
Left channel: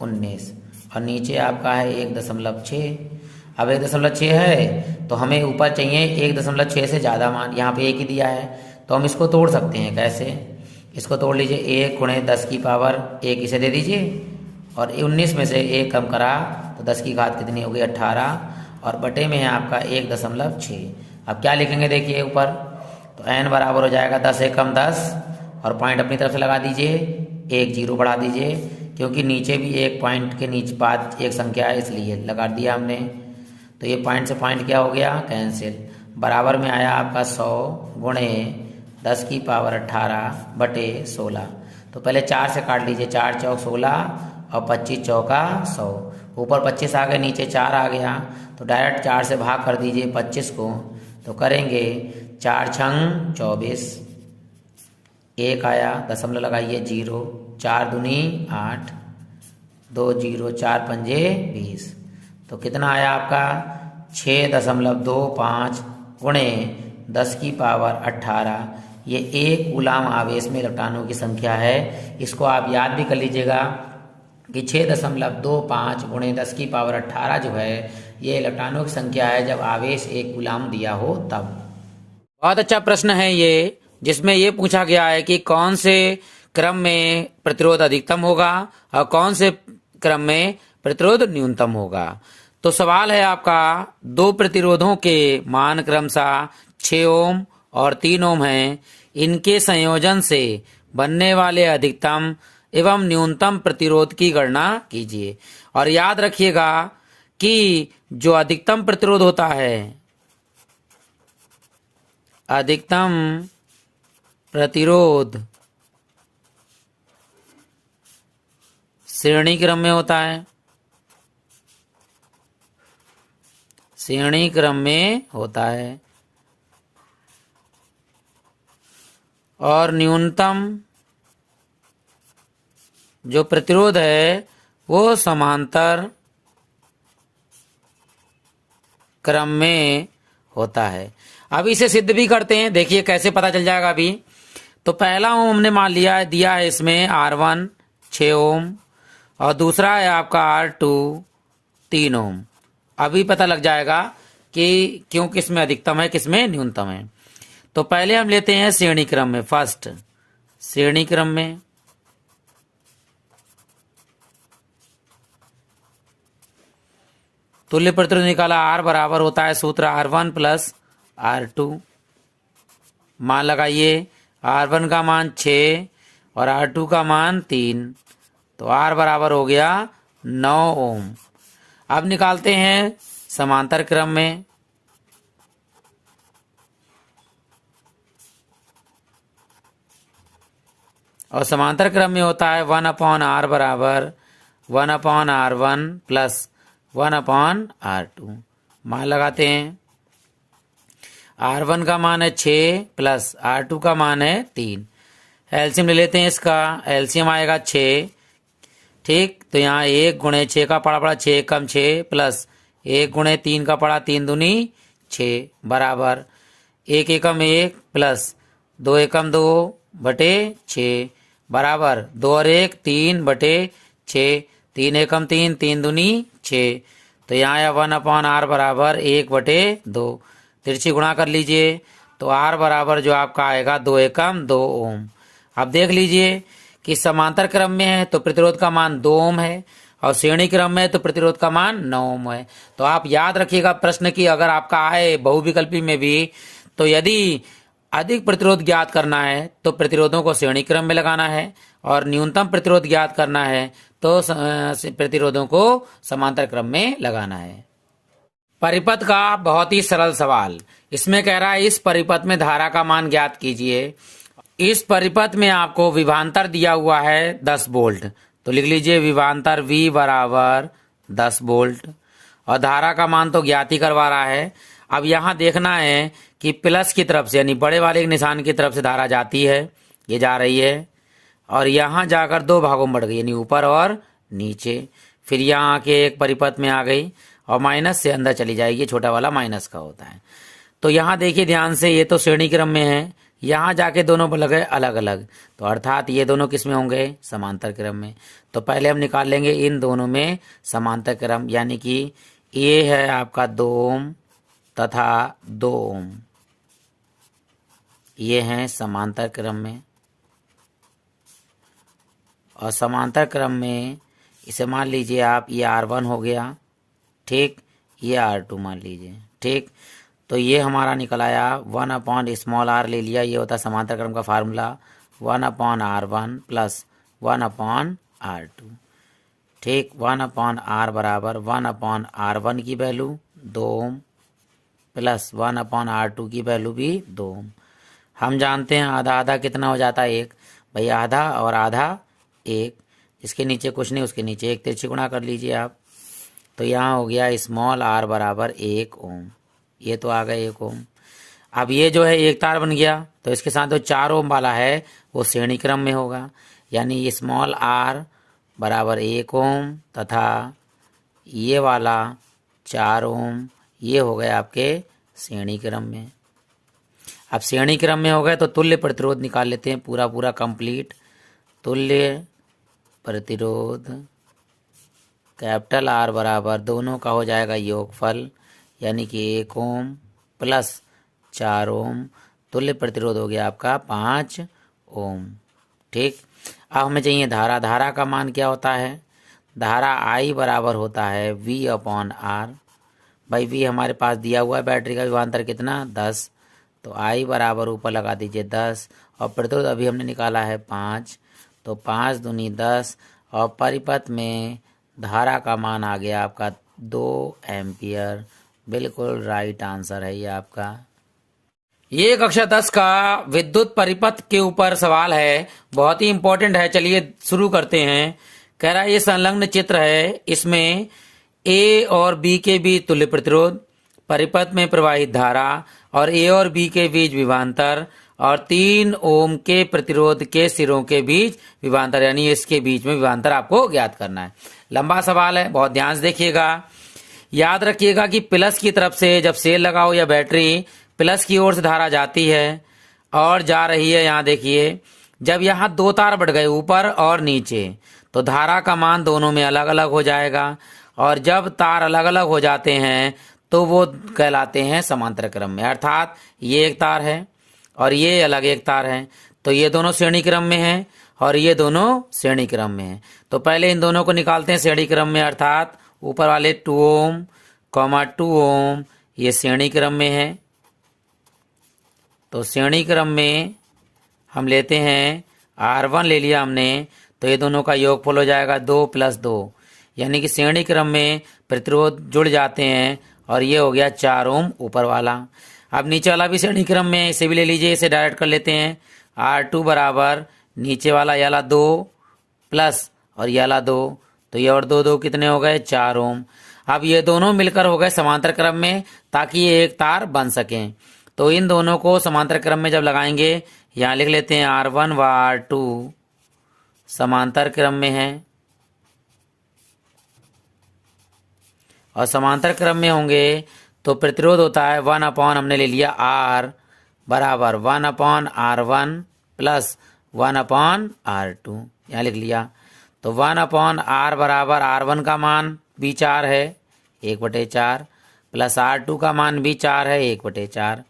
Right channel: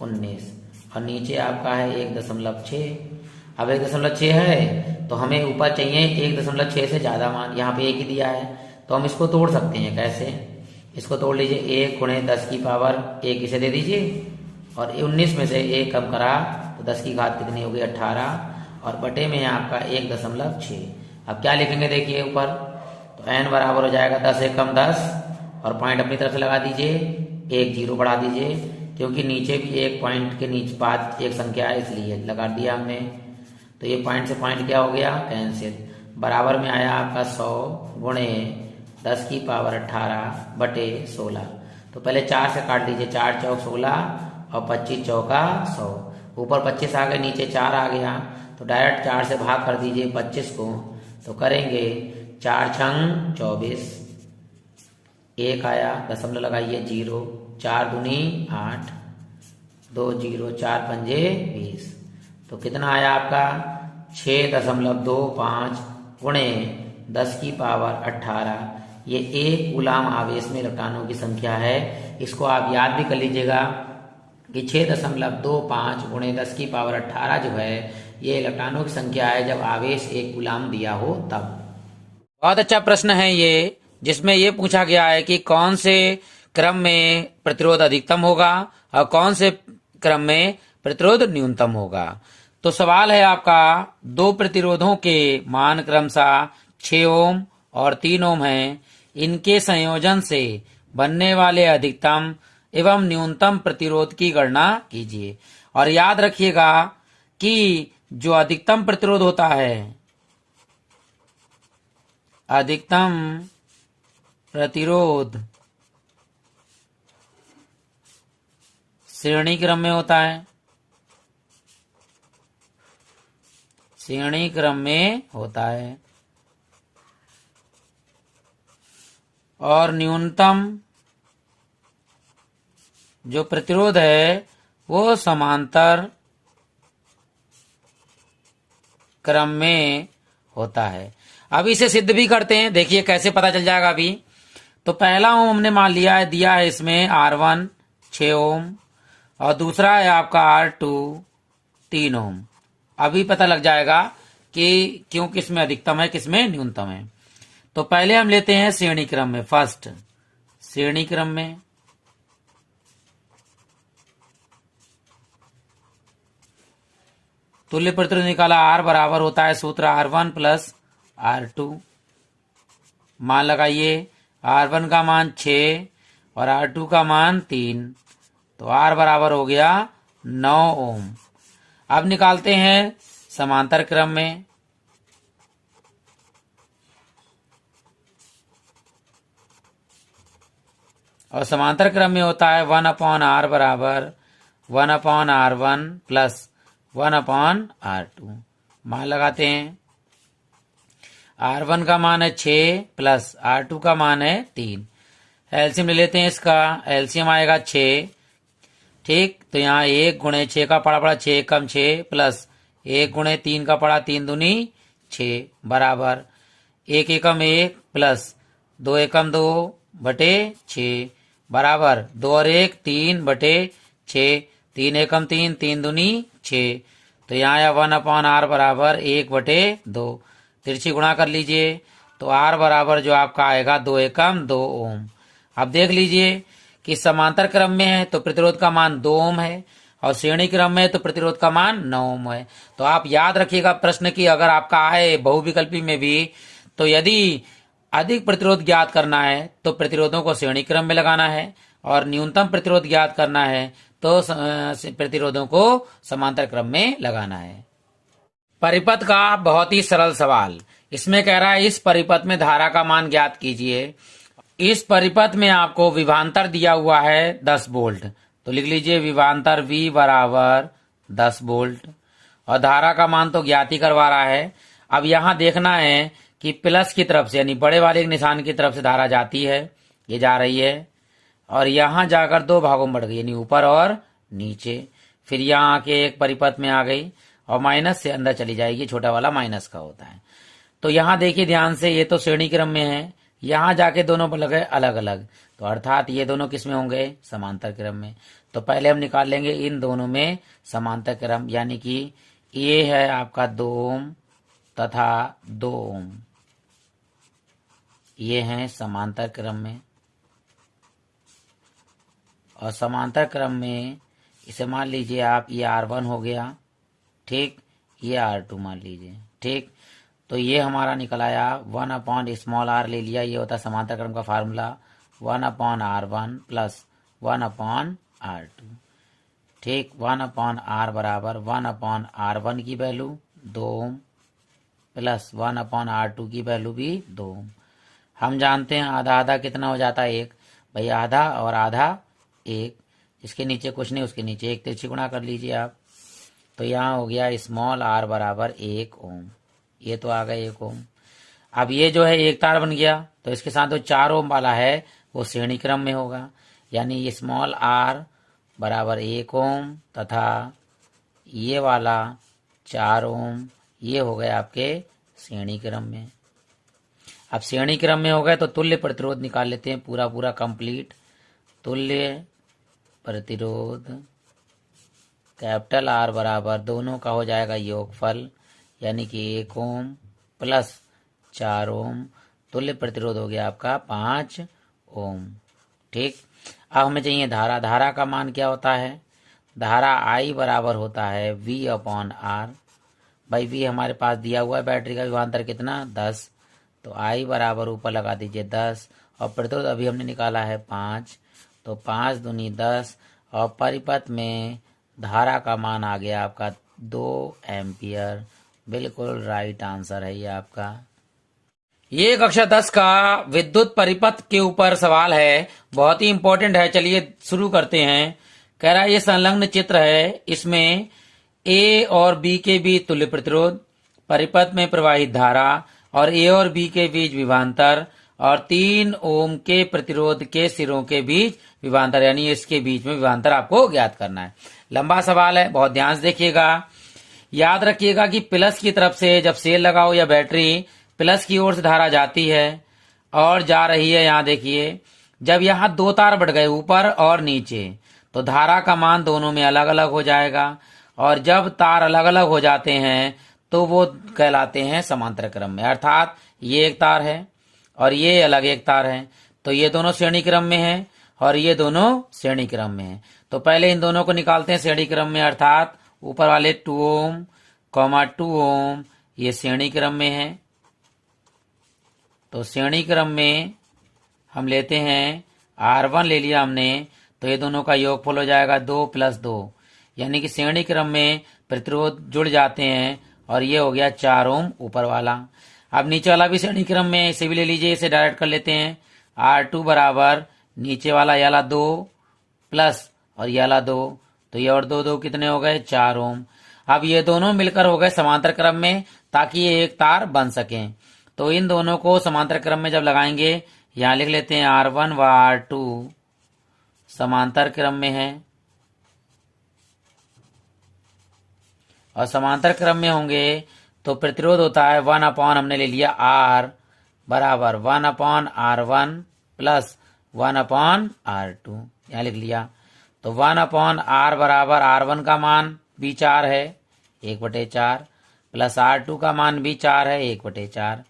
19, और नीचे आपका है 1.6। अब 1.6 है तो हमें ऊपर चाहिए 1.6 से ज़्यादा मान, यहाँ पे 1 ही दिया है, तो हम इसको तोड़ सकते हैं। कैसे, इसको तोड़ लीजिए, 1 गुणे 10 की पावर 1 इसे दे दीजिए, और 19 में से 1 कम करा तो 10 की घात कितनी होगी 18, और बटे में है आपका 1.6। अब क्या लिखेंगे देखिए ऊपर, तो n बराबर हो जाएगा 10 1 कम 10, और पॉइंट अपनी तरफ से लगा दीजिए, 1 0 बढ़ा दीजिए, क्योंकि नीचे भी एक पॉइंट के नीचे बाद एक संख्या है इसलिए लगा दिया हमने। तो ये पॉइंट से पॉइंट क्या हो गया, कैंसिल। बराबर में आया आपका 100 गुणे 10 की पावर 18 बटे 16। तो पहले 4 से काट लीजिए, 4 चौक 16 और 25 चौका 100, ऊपर 25 आ गया नीचे 4 आ गया, तो डायरेक्ट 4 से भाग कर दीजिए 25 को, तो करेंगे 4 छंग 24, 1 आया, दशमलव लगाइए 0, 4 दूनी 8, 2 0, 4 पंजे 20, तो कितना आया आपका 6.25 गुणे 10 की पावर 18। ये 1 कूलाम आवेश में इलेक्ट्रॉनों की संख्या है। इसको आप याद भी कर लीजिएगा कि 6.25 गुणे 10 की पावर 18 जो है ये इलेक्ट्रॉनों की संख्या है जब आवेश 1 कूलाम दिया हो तब। बहुत अच्छा प्रश्न है ये, जिसमें ये पूछा गया है कि कौन से क्रम में प्रतिरोध अधिकतम होगा और कौन से क्रम में प्रतिरोध न्यूनतम होगा। तो सवाल है आपका, दो प्रतिरोधों के मान क्रमशः 6 ओम और 3 ओम हैं। इनके संयोजन से बनने वाले अधिकतम एवं न्यूनतम प्रतिरोध की गणना कीजिए। और याद रखिएगा कि जो अधिकतम प्रतिरोध होता है, अधिकतम प्रतिरोध श्रेणी क्रम में होता है, श्रेणी क्रम में होता है। और न्यूनतम जो प्रतिरोध है वो समांतर क्रम में होता है। अब इसे सिद्ध भी करते हैं, देखिए कैसे पता चल जाएगा अभी। तो पहला ओम हमने मान लिया है, दिया है इसमें R1 6 ओम और दूसरा है आपका R2 3 ओम। अभी पता लग जाएगा कि क्यों किसमें अधिकतम है किसमें न्यूनतम है। तो पहले हम लेते हैं श्रेणी क्रम में, फर्स्ट श्रेणी क्रम में। तुल्य प्रतिरोध निकाला, R बराबर होता है सूत्र R1 प्लस R2। मान लगाइए, R1 का मान 6 और R2 का मान 3, तो R बराबर हो गया 9 ओम। अब निकालते हैं समांतर क्रम में। और समांतर क्रम में होता है 1/R बराबर 1/R1 प्लस 1/R2। मान लगाते हैं, R1 का मान है 6 प्लस R2 का मान है 3। एलसीएम ले लेते हैं इसका, एलसीएम आएगा 6। ठीक, तो यहाँ 1 गुणे 6 का पड़ा 6 कम 6 प्लस 1 गुणे 3 का पड़ा 3 दूनी 6 बराबर 1 एकम 1 प्लस 2 एकम 2 बटे 6 बराबर 2 और 1 3 बटे 6, 3 एकम 3 3 दूनी 6। तो यहाँ आया 1/R बराबर 1 बटे 2। तिरछी गुणा कर लीजिए, तो R बराबर जो आपका आएगा 2 एकम 2 ओम। अब देख लीजिए कि समांतर क्रम में है तो प्रतिरोध का मान 2 ओम है और श्रेणी क्रम में है तो प्रतिरोध का मान 9 ओम है। तो आप याद रखिएगा प्रश्न की अगर आपका आए बहुविकल्पी में भी, तो यदि अधिक प्रतिरोध ज्ञात करना है तो प्रतिरोधों को श्रेणी क्रम में लगाना है और न्यूनतम प्रतिरोध ज्ञात करना है तो प्रतिरोधों को समांतर क्रम में लगाना है। परिपथ का बहुत ही सरल सवाल, इसमें कह रहा है इस परिपथ में धारा का मान ज्ञात कीजिए। इस परिपथ में आपको विभवांतर दिया हुआ है 10 वोल्ट, तो लिख लीजिए विभवांतर V बराबर 10 वोल्ट और धारा का मान तो ज्ञात ही करवा रहा है। अब यहाँ देखना है कि प्लस की तरफ से यानी बड़े वाले निशान की तरफ से धारा जाती है, ये जा रही है और यहाँ जाकर 2 भागों में बढ़ गई यानी ऊपर और नीचे, फिर यहाँ आके एक परिपथ में आ गई और माइनस से अंदर चली जाएगी, छोटा वाला माइनस का होता है। तो यहाँ देखिए ध्यान से, ये तो श्रेणी क्रम में है, यहाँ जाके दोनों लगे अलग अलग, तो अर्थात ये दोनों किस में होंगे समांतर क्रम में। तो पहले हम निकाल लेंगे इन दोनों में समांतर क्रम, यानी कि ये है आपका 2 ओम तथा 2 ओम, ये हैं समांतर क्रम में। और समांतर क्रम में इसे मान लीजिए आप, ये R1 हो गया, ठीक, ये R2 मान लीजिए, ठीक। तो ये हमारा निकल आया 1/r ले लिया, ये होता है समांतर क्रम का फार्मूला 1/R1 प्लस 1/R2, ठीक। 1/R बराबर 1/R1 की वैल्यू 2 ओम प्लस 1/R2 की वैल्यू भी 2 ओम। हम जानते हैं आधा आधा कितना हो जाता है 1, भाई आधा और आधा 1, इसके नीचे कुछ नहीं उसके नीचे 1, तिरछी गुणा कर लीजिए आप। तो यहाँ हो गया स्मॉल r बराबर 1 ओम, ये तो आ गया 1 ओम। अब ये जो है एक तार बन गया, तो इसके साथ जो 4 ओम वाला है वो श्रेणी क्रम में होगा, यानी ये स्मॉल r बराबर 1 ओम तथा ये वाला 4 ओम, ये हो गए आपके श्रेणी क्रम में। अब श्रेणी क्रम में हो गए तो तुल्य प्रतिरोध निकाल लेते हैं पूरा पूरा कंप्लीट। तुल्य प्रतिरोध कैपिटल R बराबर दोनों का हो जाएगा योगफल, यानी कि 1 ओम प्लस 4 ओम, तुल्य प्रतिरोध हो गया आपका 5 ओम, ठीक। अब हमें चाहिए धारा, धारा का मान क्या होता है, धारा I बराबर होता है V अपॉन R। भाई V हमारे पास दिया हुआ है, बैटरी का विभवांतर कितना 10, तो I बराबर ऊपर लगा दीजिए 10 और प्रतिरोध अभी हमने निकाला है 5, तो 5 दूनी 10 और परिपथ में धारा का मान आ गया आपका 2 एम्पियर। बिल्कुल राइट आंसर है ये आपका। ये कक्षा 10 का विद्युत परिपथ के ऊपर सवाल है, बहुत ही इंपॉर्टेंट है। चलिए शुरू करते हैं। कह रहा है ये संलग्न चित्र है, इसमें ए और बी के बीच तुल्य प्रतिरोध, परिपथ में प्रवाहित धारा और ए और बी के बीच विभवांतर और 3 ओम के प्रतिरोध के सिरों के बीच विभवांतर, यानी इसके बीच में विभवांतर आपको ज्ञात करना है। लंबा सवाल है, बहुत ध्यान से देखिएगा। याद रखिएगा कि प्लस की तरफ से जब सेल लगाओ या बैटरी, प्लस की ओर से धारा जाती है और जा रही है। यहाँ देखिए, जब यहाँ 2 तार बढ़ गए ऊपर और नीचे, तो धारा का मान दोनों में अलग अलग हो जाएगा और जब तार अलग अलग हो जाते हैं तो वो कहलाते हैं समांतर क्रम में। अर्थात ये एक तार है और ये अलग एक तार है, तो ये दोनों श्रेणी क्रम में हैं और ये दोनों श्रेणी क्रम में हैं। तो पहले इन दोनों को निकालते हैं श्रेणी क्रम में, अर्थात ऊपर वाले 2 ओम, 2 ओम ये श्रेणी क्रम में है। तो श्रेणी क्रम में हम लेते हैं R1 ले लिया हमने, तो ये दोनों का योगफल हो जाएगा 2 + 2, यानी कि श्रेणी क्रम में प्रतिरोध जुड़ जाते हैं और ये हो गया 4 ओम ऊपर वाला। अब नीचे वाला भी श्रेणी क्रम में, इसे भी ले लीजिए, इसे डायरेक्ट कर लेते हैं। R2 बराबर नीचे वाला याला 2 प्लस और याला 2, तो ये और 2 2 कितने हो गए 4 ओम। अब ये दोनों मिलकर हो गए समांतर क्रम में, ताकि ये एक तार बन सकें। तो इन दोनों को समांतर क्रम में जब लगाएंगे, यहाँ लिख लेते हैं R1 व R2 समांतर क्रम में है और समांतर क्रम में होंगे तो प्रतिरोध होता है 1 अपॉन, हमने ले लिया R बराबर 1 upon R1 plus 1 upon R2, यहाँ लिख लिया। तो 1 अपॉन R बराबर R1 का मान भी 4 है 1/4 प्लस R2 का मान भी 4 है 1/4।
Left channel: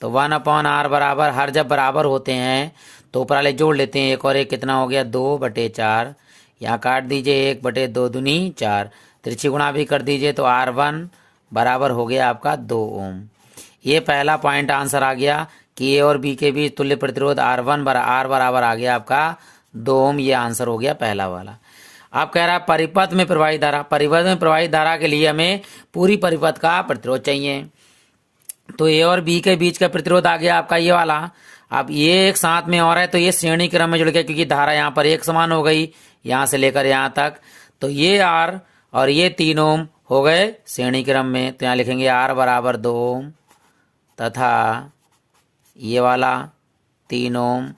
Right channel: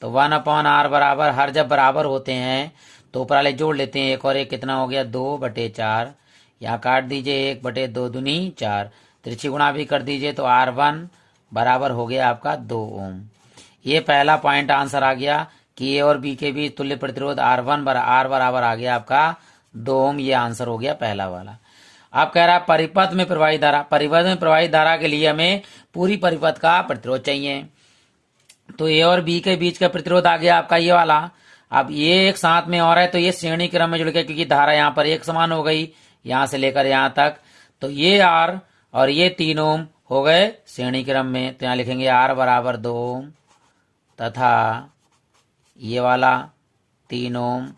तो 1 अपॉन R बराबर, हर जब बराबर होते हैं तो ऊपर वाले जोड़ लेते हैं, 1 और 1 कितना हो गया 2/4। यहाँ काट दीजिए 1/2 दूनी 4, त्रिची गुणा भी कर दीजिए, तो R1 बराबर हो गया आपका 2 ओम। ये पहला पॉइंट आंसर आ गया कि ए और बी के बीच तुल्य प्रतिरोध R बराबर आ गया आपका 2 ओम। ये आंसर हो गया पहला वाला। अब कह रहा है परिपथ में प्रवाहित धारा, परिपथ में प्रवाहित धारा के लिए हमें पूरी परिपथ का प्रतिरोध चाहिए। तो ए और बी के बीच का प्रतिरोध आ गया आपका ये वाला। अब ये एक साथ में और है, तो ये श्रेणी क्रम में जुड़ गया, क्योंकि धारा यहाँ पर एक समान हो गई यहाँ से लेकर यहाँ तक। तो ये R और ये 3 ओम हो गए श्रेणी क्रम में, तो यहाँ लिखेंगे R बराबर 2 ओम तथा ये वाला 3 ओम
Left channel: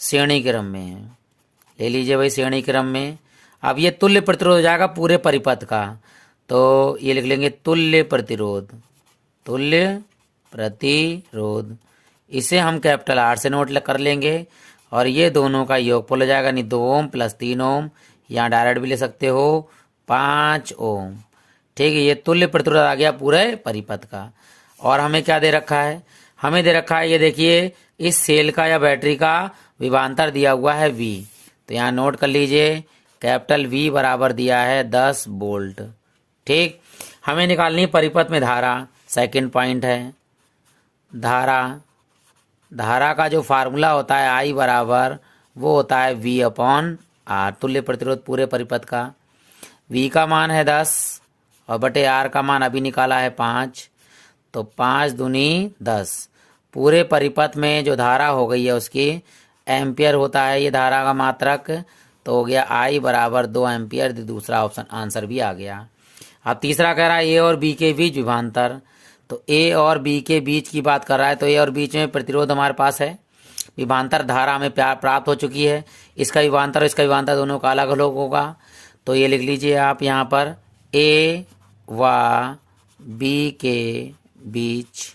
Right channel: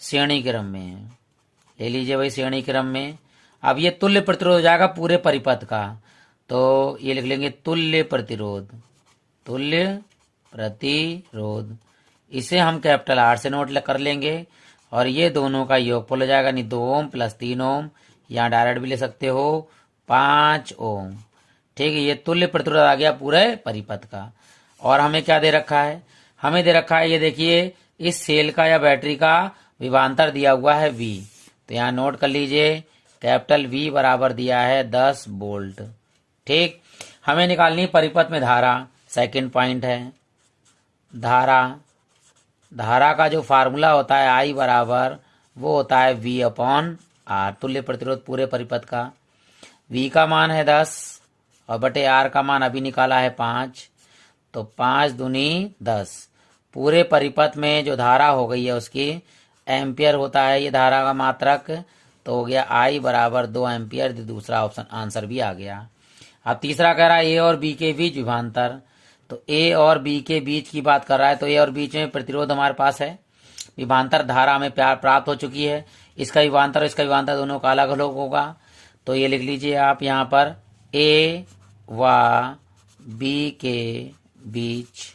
श्रेणी क्रम में है। ले लीजिए भाई श्रेणी क्रम में। अब ये तुल्य प्रतिरोध हो जाएगा पूरे परिपथ का, तो ये लिख लेंगे तुल्य प्रतिरोध, तुल्य प्रतिरोध। इसे हम कैपिटल R से नोट कर लेंगे और ये दोनों का योगफल हो जाएगा, नहीं 2 ओम प्लस 3 ओम, यहाँ डायरेक्ट भी ले सकते हो 5 ओम। ठीक है, ये तुल्य प्रतिरोध आ गया पूरे परिपथ का। और हमें क्या दे रखा है, हमें दे रखा है ये देखिए, इस सेल का या बैटरी का विभवांतर दिया हुआ है V, तो यहाँ नोट कर लीजिए कैपिटल V बराबर दिया है 10 वोल्ट। ठीक, हमें निकालनी परिपथ में धारा, सेकंड पॉइंट है। धारा का जो फार्मूला होता है I बराबर, वो होता है V अपॉन R, तुल्य प्रतिरोध पूरे परिपथ का। V का मान है 10 और बटे R का मान अभी निकाला है 5, तो 5 दूनी 10। पूरे परिपथ में जो धारा हो गई है उसकी एम्पियर होता है ये धारा का मात्रक, तो हो गया I बराबर 2 एम्पियर। दूसरा ऑप्शन आंसर भी आ गया। अब तीसरा कह रहा है ए और बी के बीच विभवांतर, तो ए और बी के बीच की बात कर रहा है, तो ए और बीच में प्रतिरोध हमारे पास है, विभवांतर धारा हमें प्राप्त हो चुकी है। इसका विभवांतर इसका विभवांतर दोनों का अलग अलग होगा, तो ये लिख लीजिए आप यहाँ पर ए व बी के बीच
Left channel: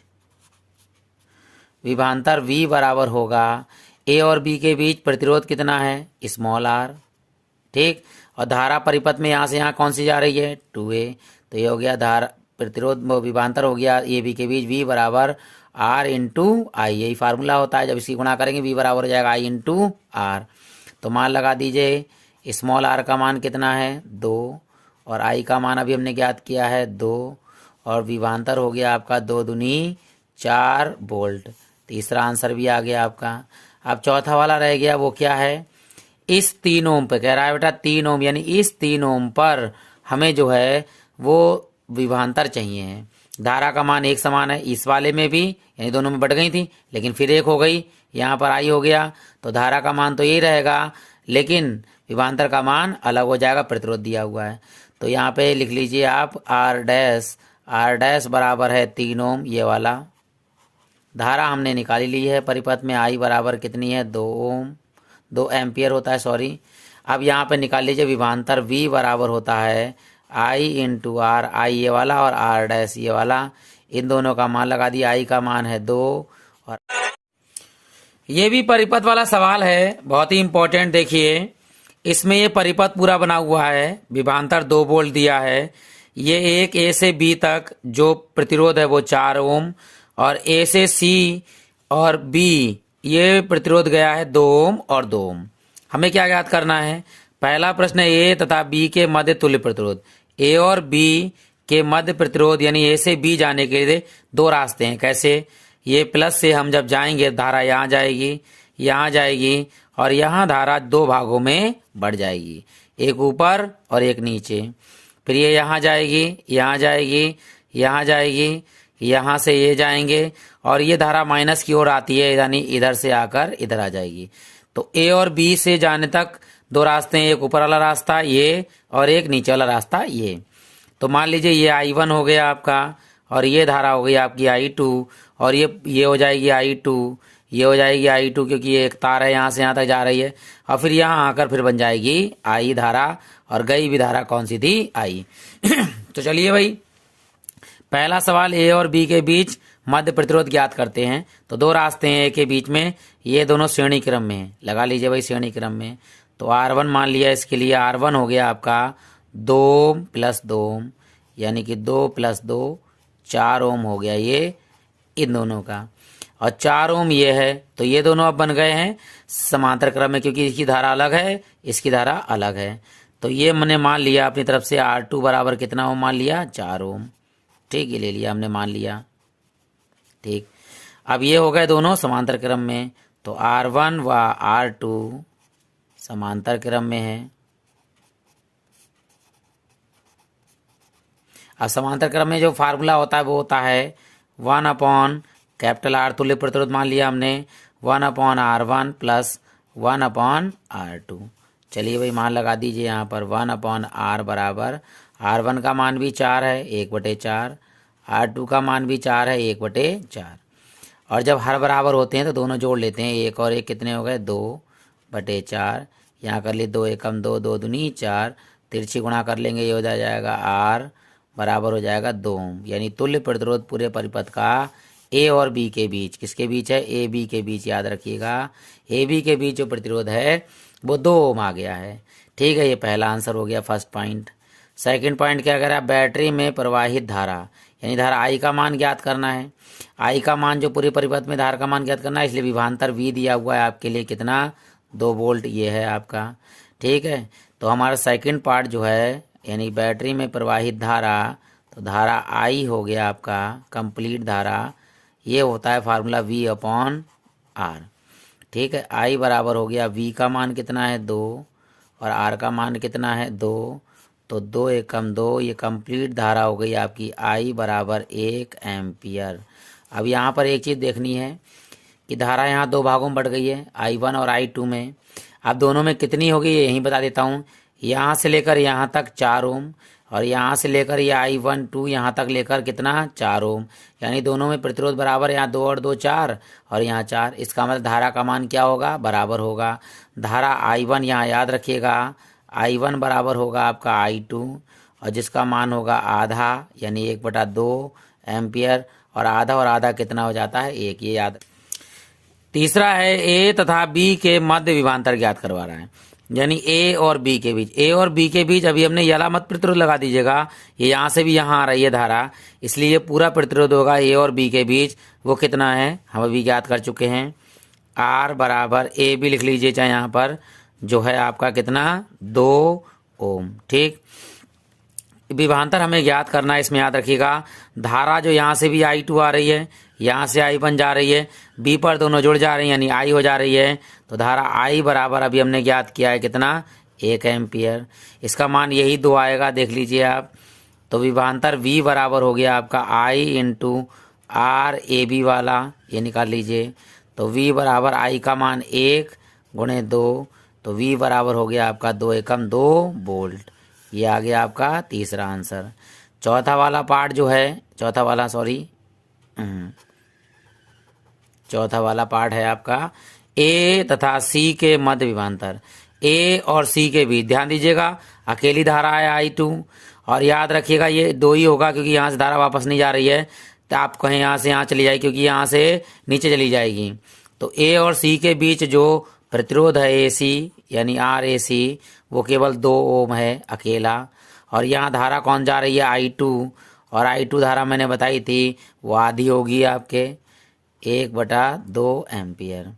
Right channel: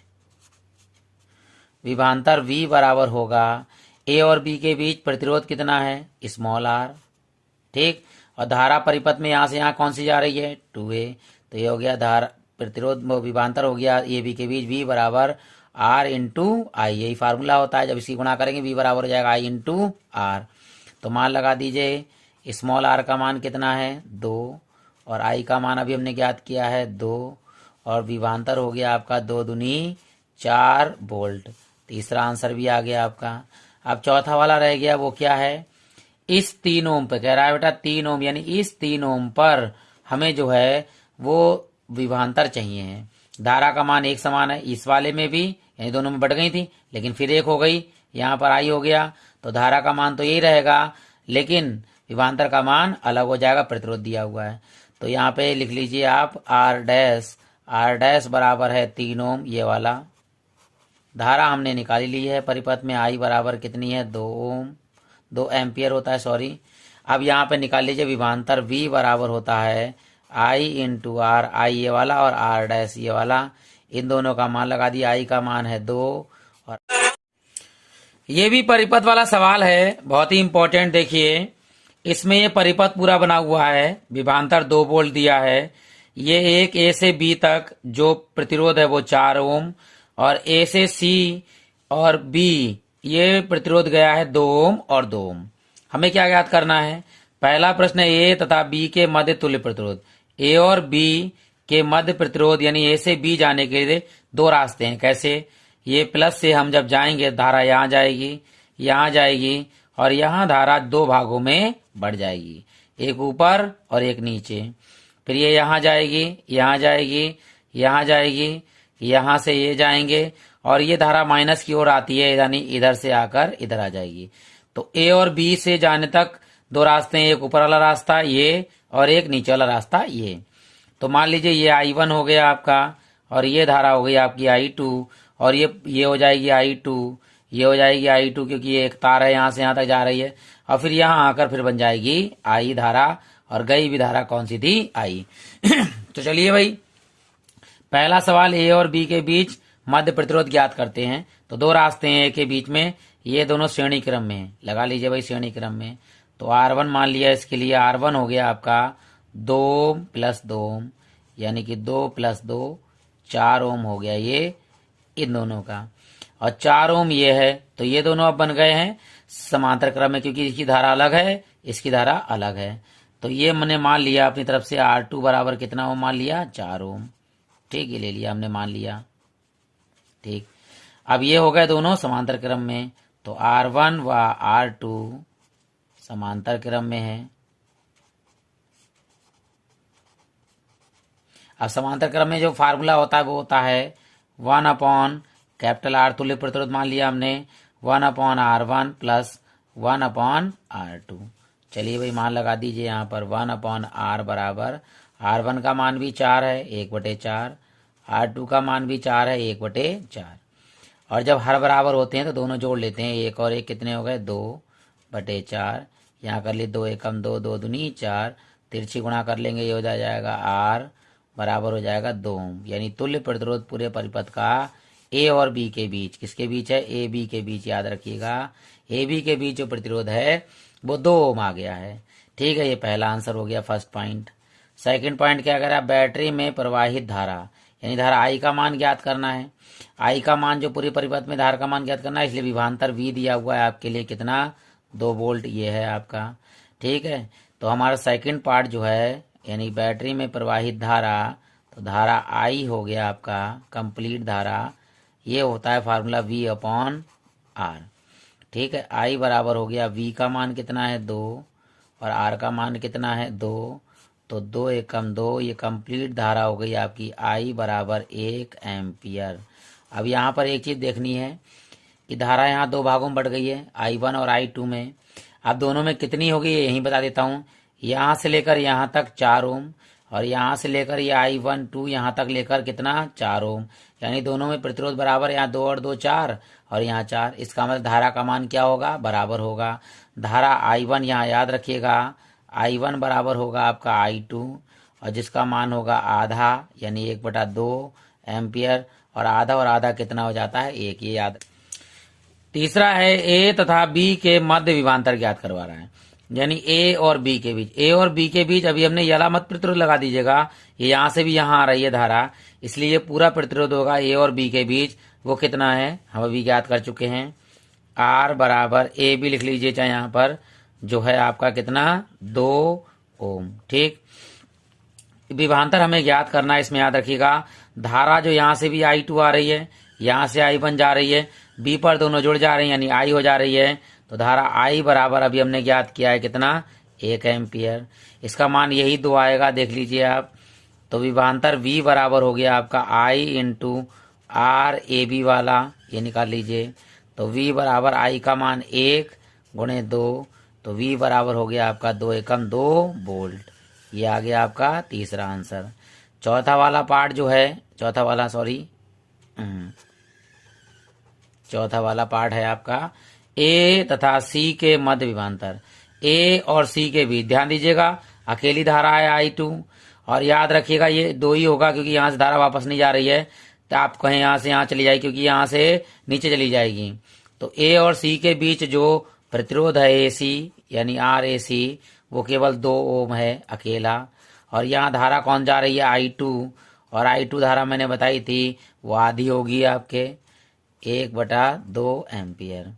विभवांतर V बराबर होगा ए और बी के बीच प्रतिरोध कितना है स्मॉल r। ठीक, और धारा परिपथ में यहाँ से यहाँ कौन सी जा रही है 2A, तो ये हो गया धारा प्रतिरोध विभवांतर हो गया ए बी के बीच V बराबर R इंटू आई। यही फार्मूला होता है, जब इसकी गुणा करेंगे V बराबर हो जाएगा I इंटू R। तो मान लगा दीजिए स्मॉल आर का मान कितना है 2 और आई का मान अभी हमने ज्ञात किया है 2 और विभवांतर हो गया आपका 2 दूनी 4 वोल्ट। तीसरा आंसर भी आ गया आपका। अब चौथा वाला रह गया, वो क्या है, इस 3 ओम पे कह रहा है बेटा 3 ओम, यानी इस 3 ओम पर हमें जो है वो विभवांतर चाहिए है। धारा का मान एक समान है, इस वाले में भी यानी दोनों में बढ़ गई थी लेकिन फिर एक हो गई, यहाँ पर आई हो गया, तो धारा का मान तो यही रहेगा लेकिन विभवांतर का मान अलग हो जाएगा, प्रतिरोध दिया हुआ है। तो यहाँ पे लिख लीजिए आप आर डैश बराबर है 3 ओम, ये वाला। धारा हमने निकाली ली है परिपथ में, आई बराबर कितनी है 2 ओम, 2 एम्पियर होता है सॉरी। अब यहाँ पे निकाल लीजिए विभवांतर V बराबर होता है I इंटू आर, आई ये वाला और आर डैश ये वाला, इन दोनों का मान लगा दिया। आई का मान है 2 और ये भी परिपथ वाला सवाल है, बहुत ही इंपॉर्टेंट। देखिए इसमें ये परिपथ पूरा बना हुआ है, विभवांतर 2 वोल्ट दिया है, ये एक ए से बी तक जो प्रतिरोध है वो 4 ओम और ए से सी और बी ये प्रतिरोध गया है 2 ओम और 2 ओम। हमें क्या ज्ञात करना है, पहला प्रश्न ए तथा बी के मध्य तुल्य प्रतिरोध। ए और बी के मध्य प्रतिरोध यानी ए से बी जाने के लिए 2 रास्ते हैं। कैसे, ये प्लस से हम जब जाएंगे धारा यहाँ जाएगी, यहाँ जाएगी और यहाँ धारा 2 भागों में बढ़ जाएगी, एक ऊपर और एक नीचे। फिर ये यहाँ जाएगी, यहाँ जाएगी, यहाँ जाएगी, यहाँ से ये जाएंगे और ये धारा माइनस की ओर आती है यानी इधर से आकर इधर आ जाएगी। तो ए और बी से जाने तक 2 रास्ते हैं, एक ऊपर वाला रास्ता ये और एक नीचे वाला रास्ता ये। तो मान लीजिए ये I1 हो गया आपका और ये धारा हो गई आपकी I2 और ये हो जाएगी I2, ये हो जाएगी I2 क्योंकि ये एक तार है यहाँ से यहाँ तक जा रही है और फिर यहाँ आकर फिर बन जाएगी I धारा और गई भी धारा कौन सी थी I। तो चलिए भाई पहला सवाल ए और बी के बीच मध्य प्रतिरोध ज्ञात करते हैं। तो 2 रास्ते हैं ए के बीच में, ये दोनों श्रेणी क्रम में है, लगा लीजिए भाई श्रेणी क्रम में। तो R1 मान लिया, इसके लिए R1 हो गया आपका 2 प्लस 2 ओम यानी कि 2 प्लस 2 4 ओम हो गया ये इन दोनों का, और 4 ओम ये है। तो ये दोनों अब बन गए हैं समांतर क्रम में क्योंकि इसकी धारा अलग है इसकी धारा अलग है। तो ये मैंने मान लिया अपनी तरफ से R2 बराबर कितना ओम मान लिया 4 ओम, ठीक, ये ले लिया हमने मान लिया, ठीक। अब ये हो गए दोनों समांतर क्रम में, तो R1 व R2 समांतर क्रम में है। अब समांतर क्रम में जो फार्मूला होता है वो होता है 1/R तुल्य प्रतिरोध मान लिया हमने, 1/R1 प्लस 1/R2। चलिए भाई मान लगा दीजिए यहाँ पर 1/R बराबर, R1 का मान भी 4 है 1/4, R2 का मान भी 4 है 1/4 और जब हर बराबर होते हैं तो दोनों जोड़ लेते हैं, 1 और 1 कितने हो गए 2/4, यहाँ कर लिए 2 एकम 2, 2 दूनी 4, तिरछी गुणा कर लेंगे ये हो जाएगा R बराबर हो जाएगा 2 ओम, यानी तुल्य प्रतिरोध पूरे परिपथ का ए और बी के बीच, किसके बीच है ए बी के बीच, याद रखिएगा ए बी के बीच जो प्रतिरोध है वो 2 ओम आ गया है, ठीक है। ये पहला आंसर हो गया फर्स्ट पॉइंट। सेकंड पॉइंट क्या कह रहा है, बैटरी में प्रवाहित धारा यानी धारा आई का मान ज्ञात करना है। आई का मान जो पूरे परिपथ में धारा का मान ज्ञात करना है, इसलिए विभवांतर वी दिया हुआ है आपके लिए कितना 2 वोल्ट ये है आपका, ठीक है। तो हमारा सेकंड पार्ट जो है यानी बैटरी में प्रवाहित धारा, तो धारा आई हो गया आपका कंप्लीट धारा, ये होता है फार्मूला V/R, ठीक है। आई बराबर हो गया V का मान कितना है 2 और R का मान कितना है 2, तो 2 एकम 2, ये कंप्लीट धारा हो गई आपकी I बराबर 1 एम्पियर। अब यहाँ पर एक चीज़ देखनी है कि धारा यहाँ 2 भागों में बढ़ गई है I1 और I2 में। अब दोनों में कितनी होगी यहीं बता देता हूँ, यहाँ से लेकर यहाँ तक 4 ओम और यहाँ से लेकर ये I1 2 यहाँ तक लेकर कितना 4 ओम, यानी दोनों में प्रतिरोध बराबर, यहाँ 2 और 2 4 और यहाँ 4। इसका मतलब धारा का मान क्या होगा बराबर होगा। धारा I1 यहाँ याद रखिएगा I1 बराबर होगा आपका I2 और जिसका मान होगा आधा यानी 1/2 एम्पियर, और आधा कितना हो जाता है 1, ये याद। तीसरा है ए तथा बी के मध्य विभवांतर ज्ञात करवा रहा है, यानी ए और बी के बीच। ए और बी के बीच अभी हमने यला मत प्रतिरोध लगा दीजिएगा, ये यहाँ से भी यहाँ आ रही है धारा, इसलिए ये पूरा प्रतिरोध होगा ए और बी के बीच, वो कितना है हम अभी ज्ञात कर चुके हैं। आर बराबर ए बी लिख लीजिए चाहे यहाँ पर जो है आपका कितना 2 ओम। ठीक, विभवांतर हमें ज्ञात करना है। इसमें याद रखिएगा धारा जो यहाँ से भी I2 आ रही है, यहाँ से I1 जा रही है, B पर दोनों जुड़ जा रही है यानी I हो जा रही है, तो धारा I बराबर अभी हमने ज्ञात किया है कितना 1 एम्पियर। इसका मान यही 2 आएगा, देख लीजिए आप। तो विभवांतर V बराबर हो गया आपका I इंटू R AB वाला, ये निकाल लीजिए। तो V बराबर I का मान 1 गुणे 2, तो V बराबर हो गया आपका 2 एकम 2 वोल्ट। ये आ गया आपका तीसरा आंसर। चौथा वाला पार्ट जो है, चौथा वाला पार्ट है आपका A तथा C के मध्य विभवांतर। A और C के बीच ध्यान दीजिएगा अकेली धारा है I2, और याद रखिएगा ये 2 ही होगा क्योंकि यहाँ से धारा वापस नहीं जा रही है, तो आप कहें यहाँ से यहाँ चली जाएगी क्योंकि यहाँ से नीचे चली जाएगी। तो A और C के बीच जो प्रतिरोध है AC यानी RAC वो केवल 2 ओम है अकेला, और यहाँ धारा कौन जा रही है I2, और I2 धारा मैंने बताई थी वो आधी होगी आपके 1/2 एम्पियर।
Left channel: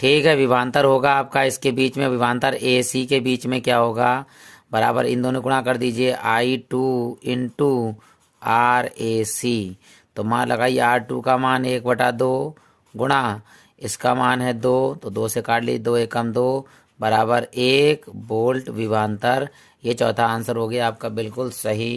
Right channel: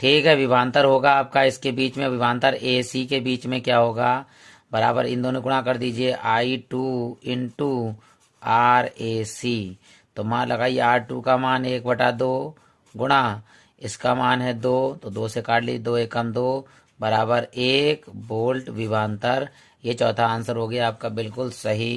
ठीक है, विभवांतर होगा आपका इसके बीच में, विभवांतर AC के बीच में क्या होगा, बराबर इन दोनों गुणा कर दीजिए I2 इंटू RAC। तो मान लगाइए R2 का मान 1/2 गुणा इसका मान है 2, तो 2 से काट ली, 2 एकम 2 बराबर 1 वोल्ट विभवांतर। ये चौथा आंसर हो गया आपका बिल्कुल सही।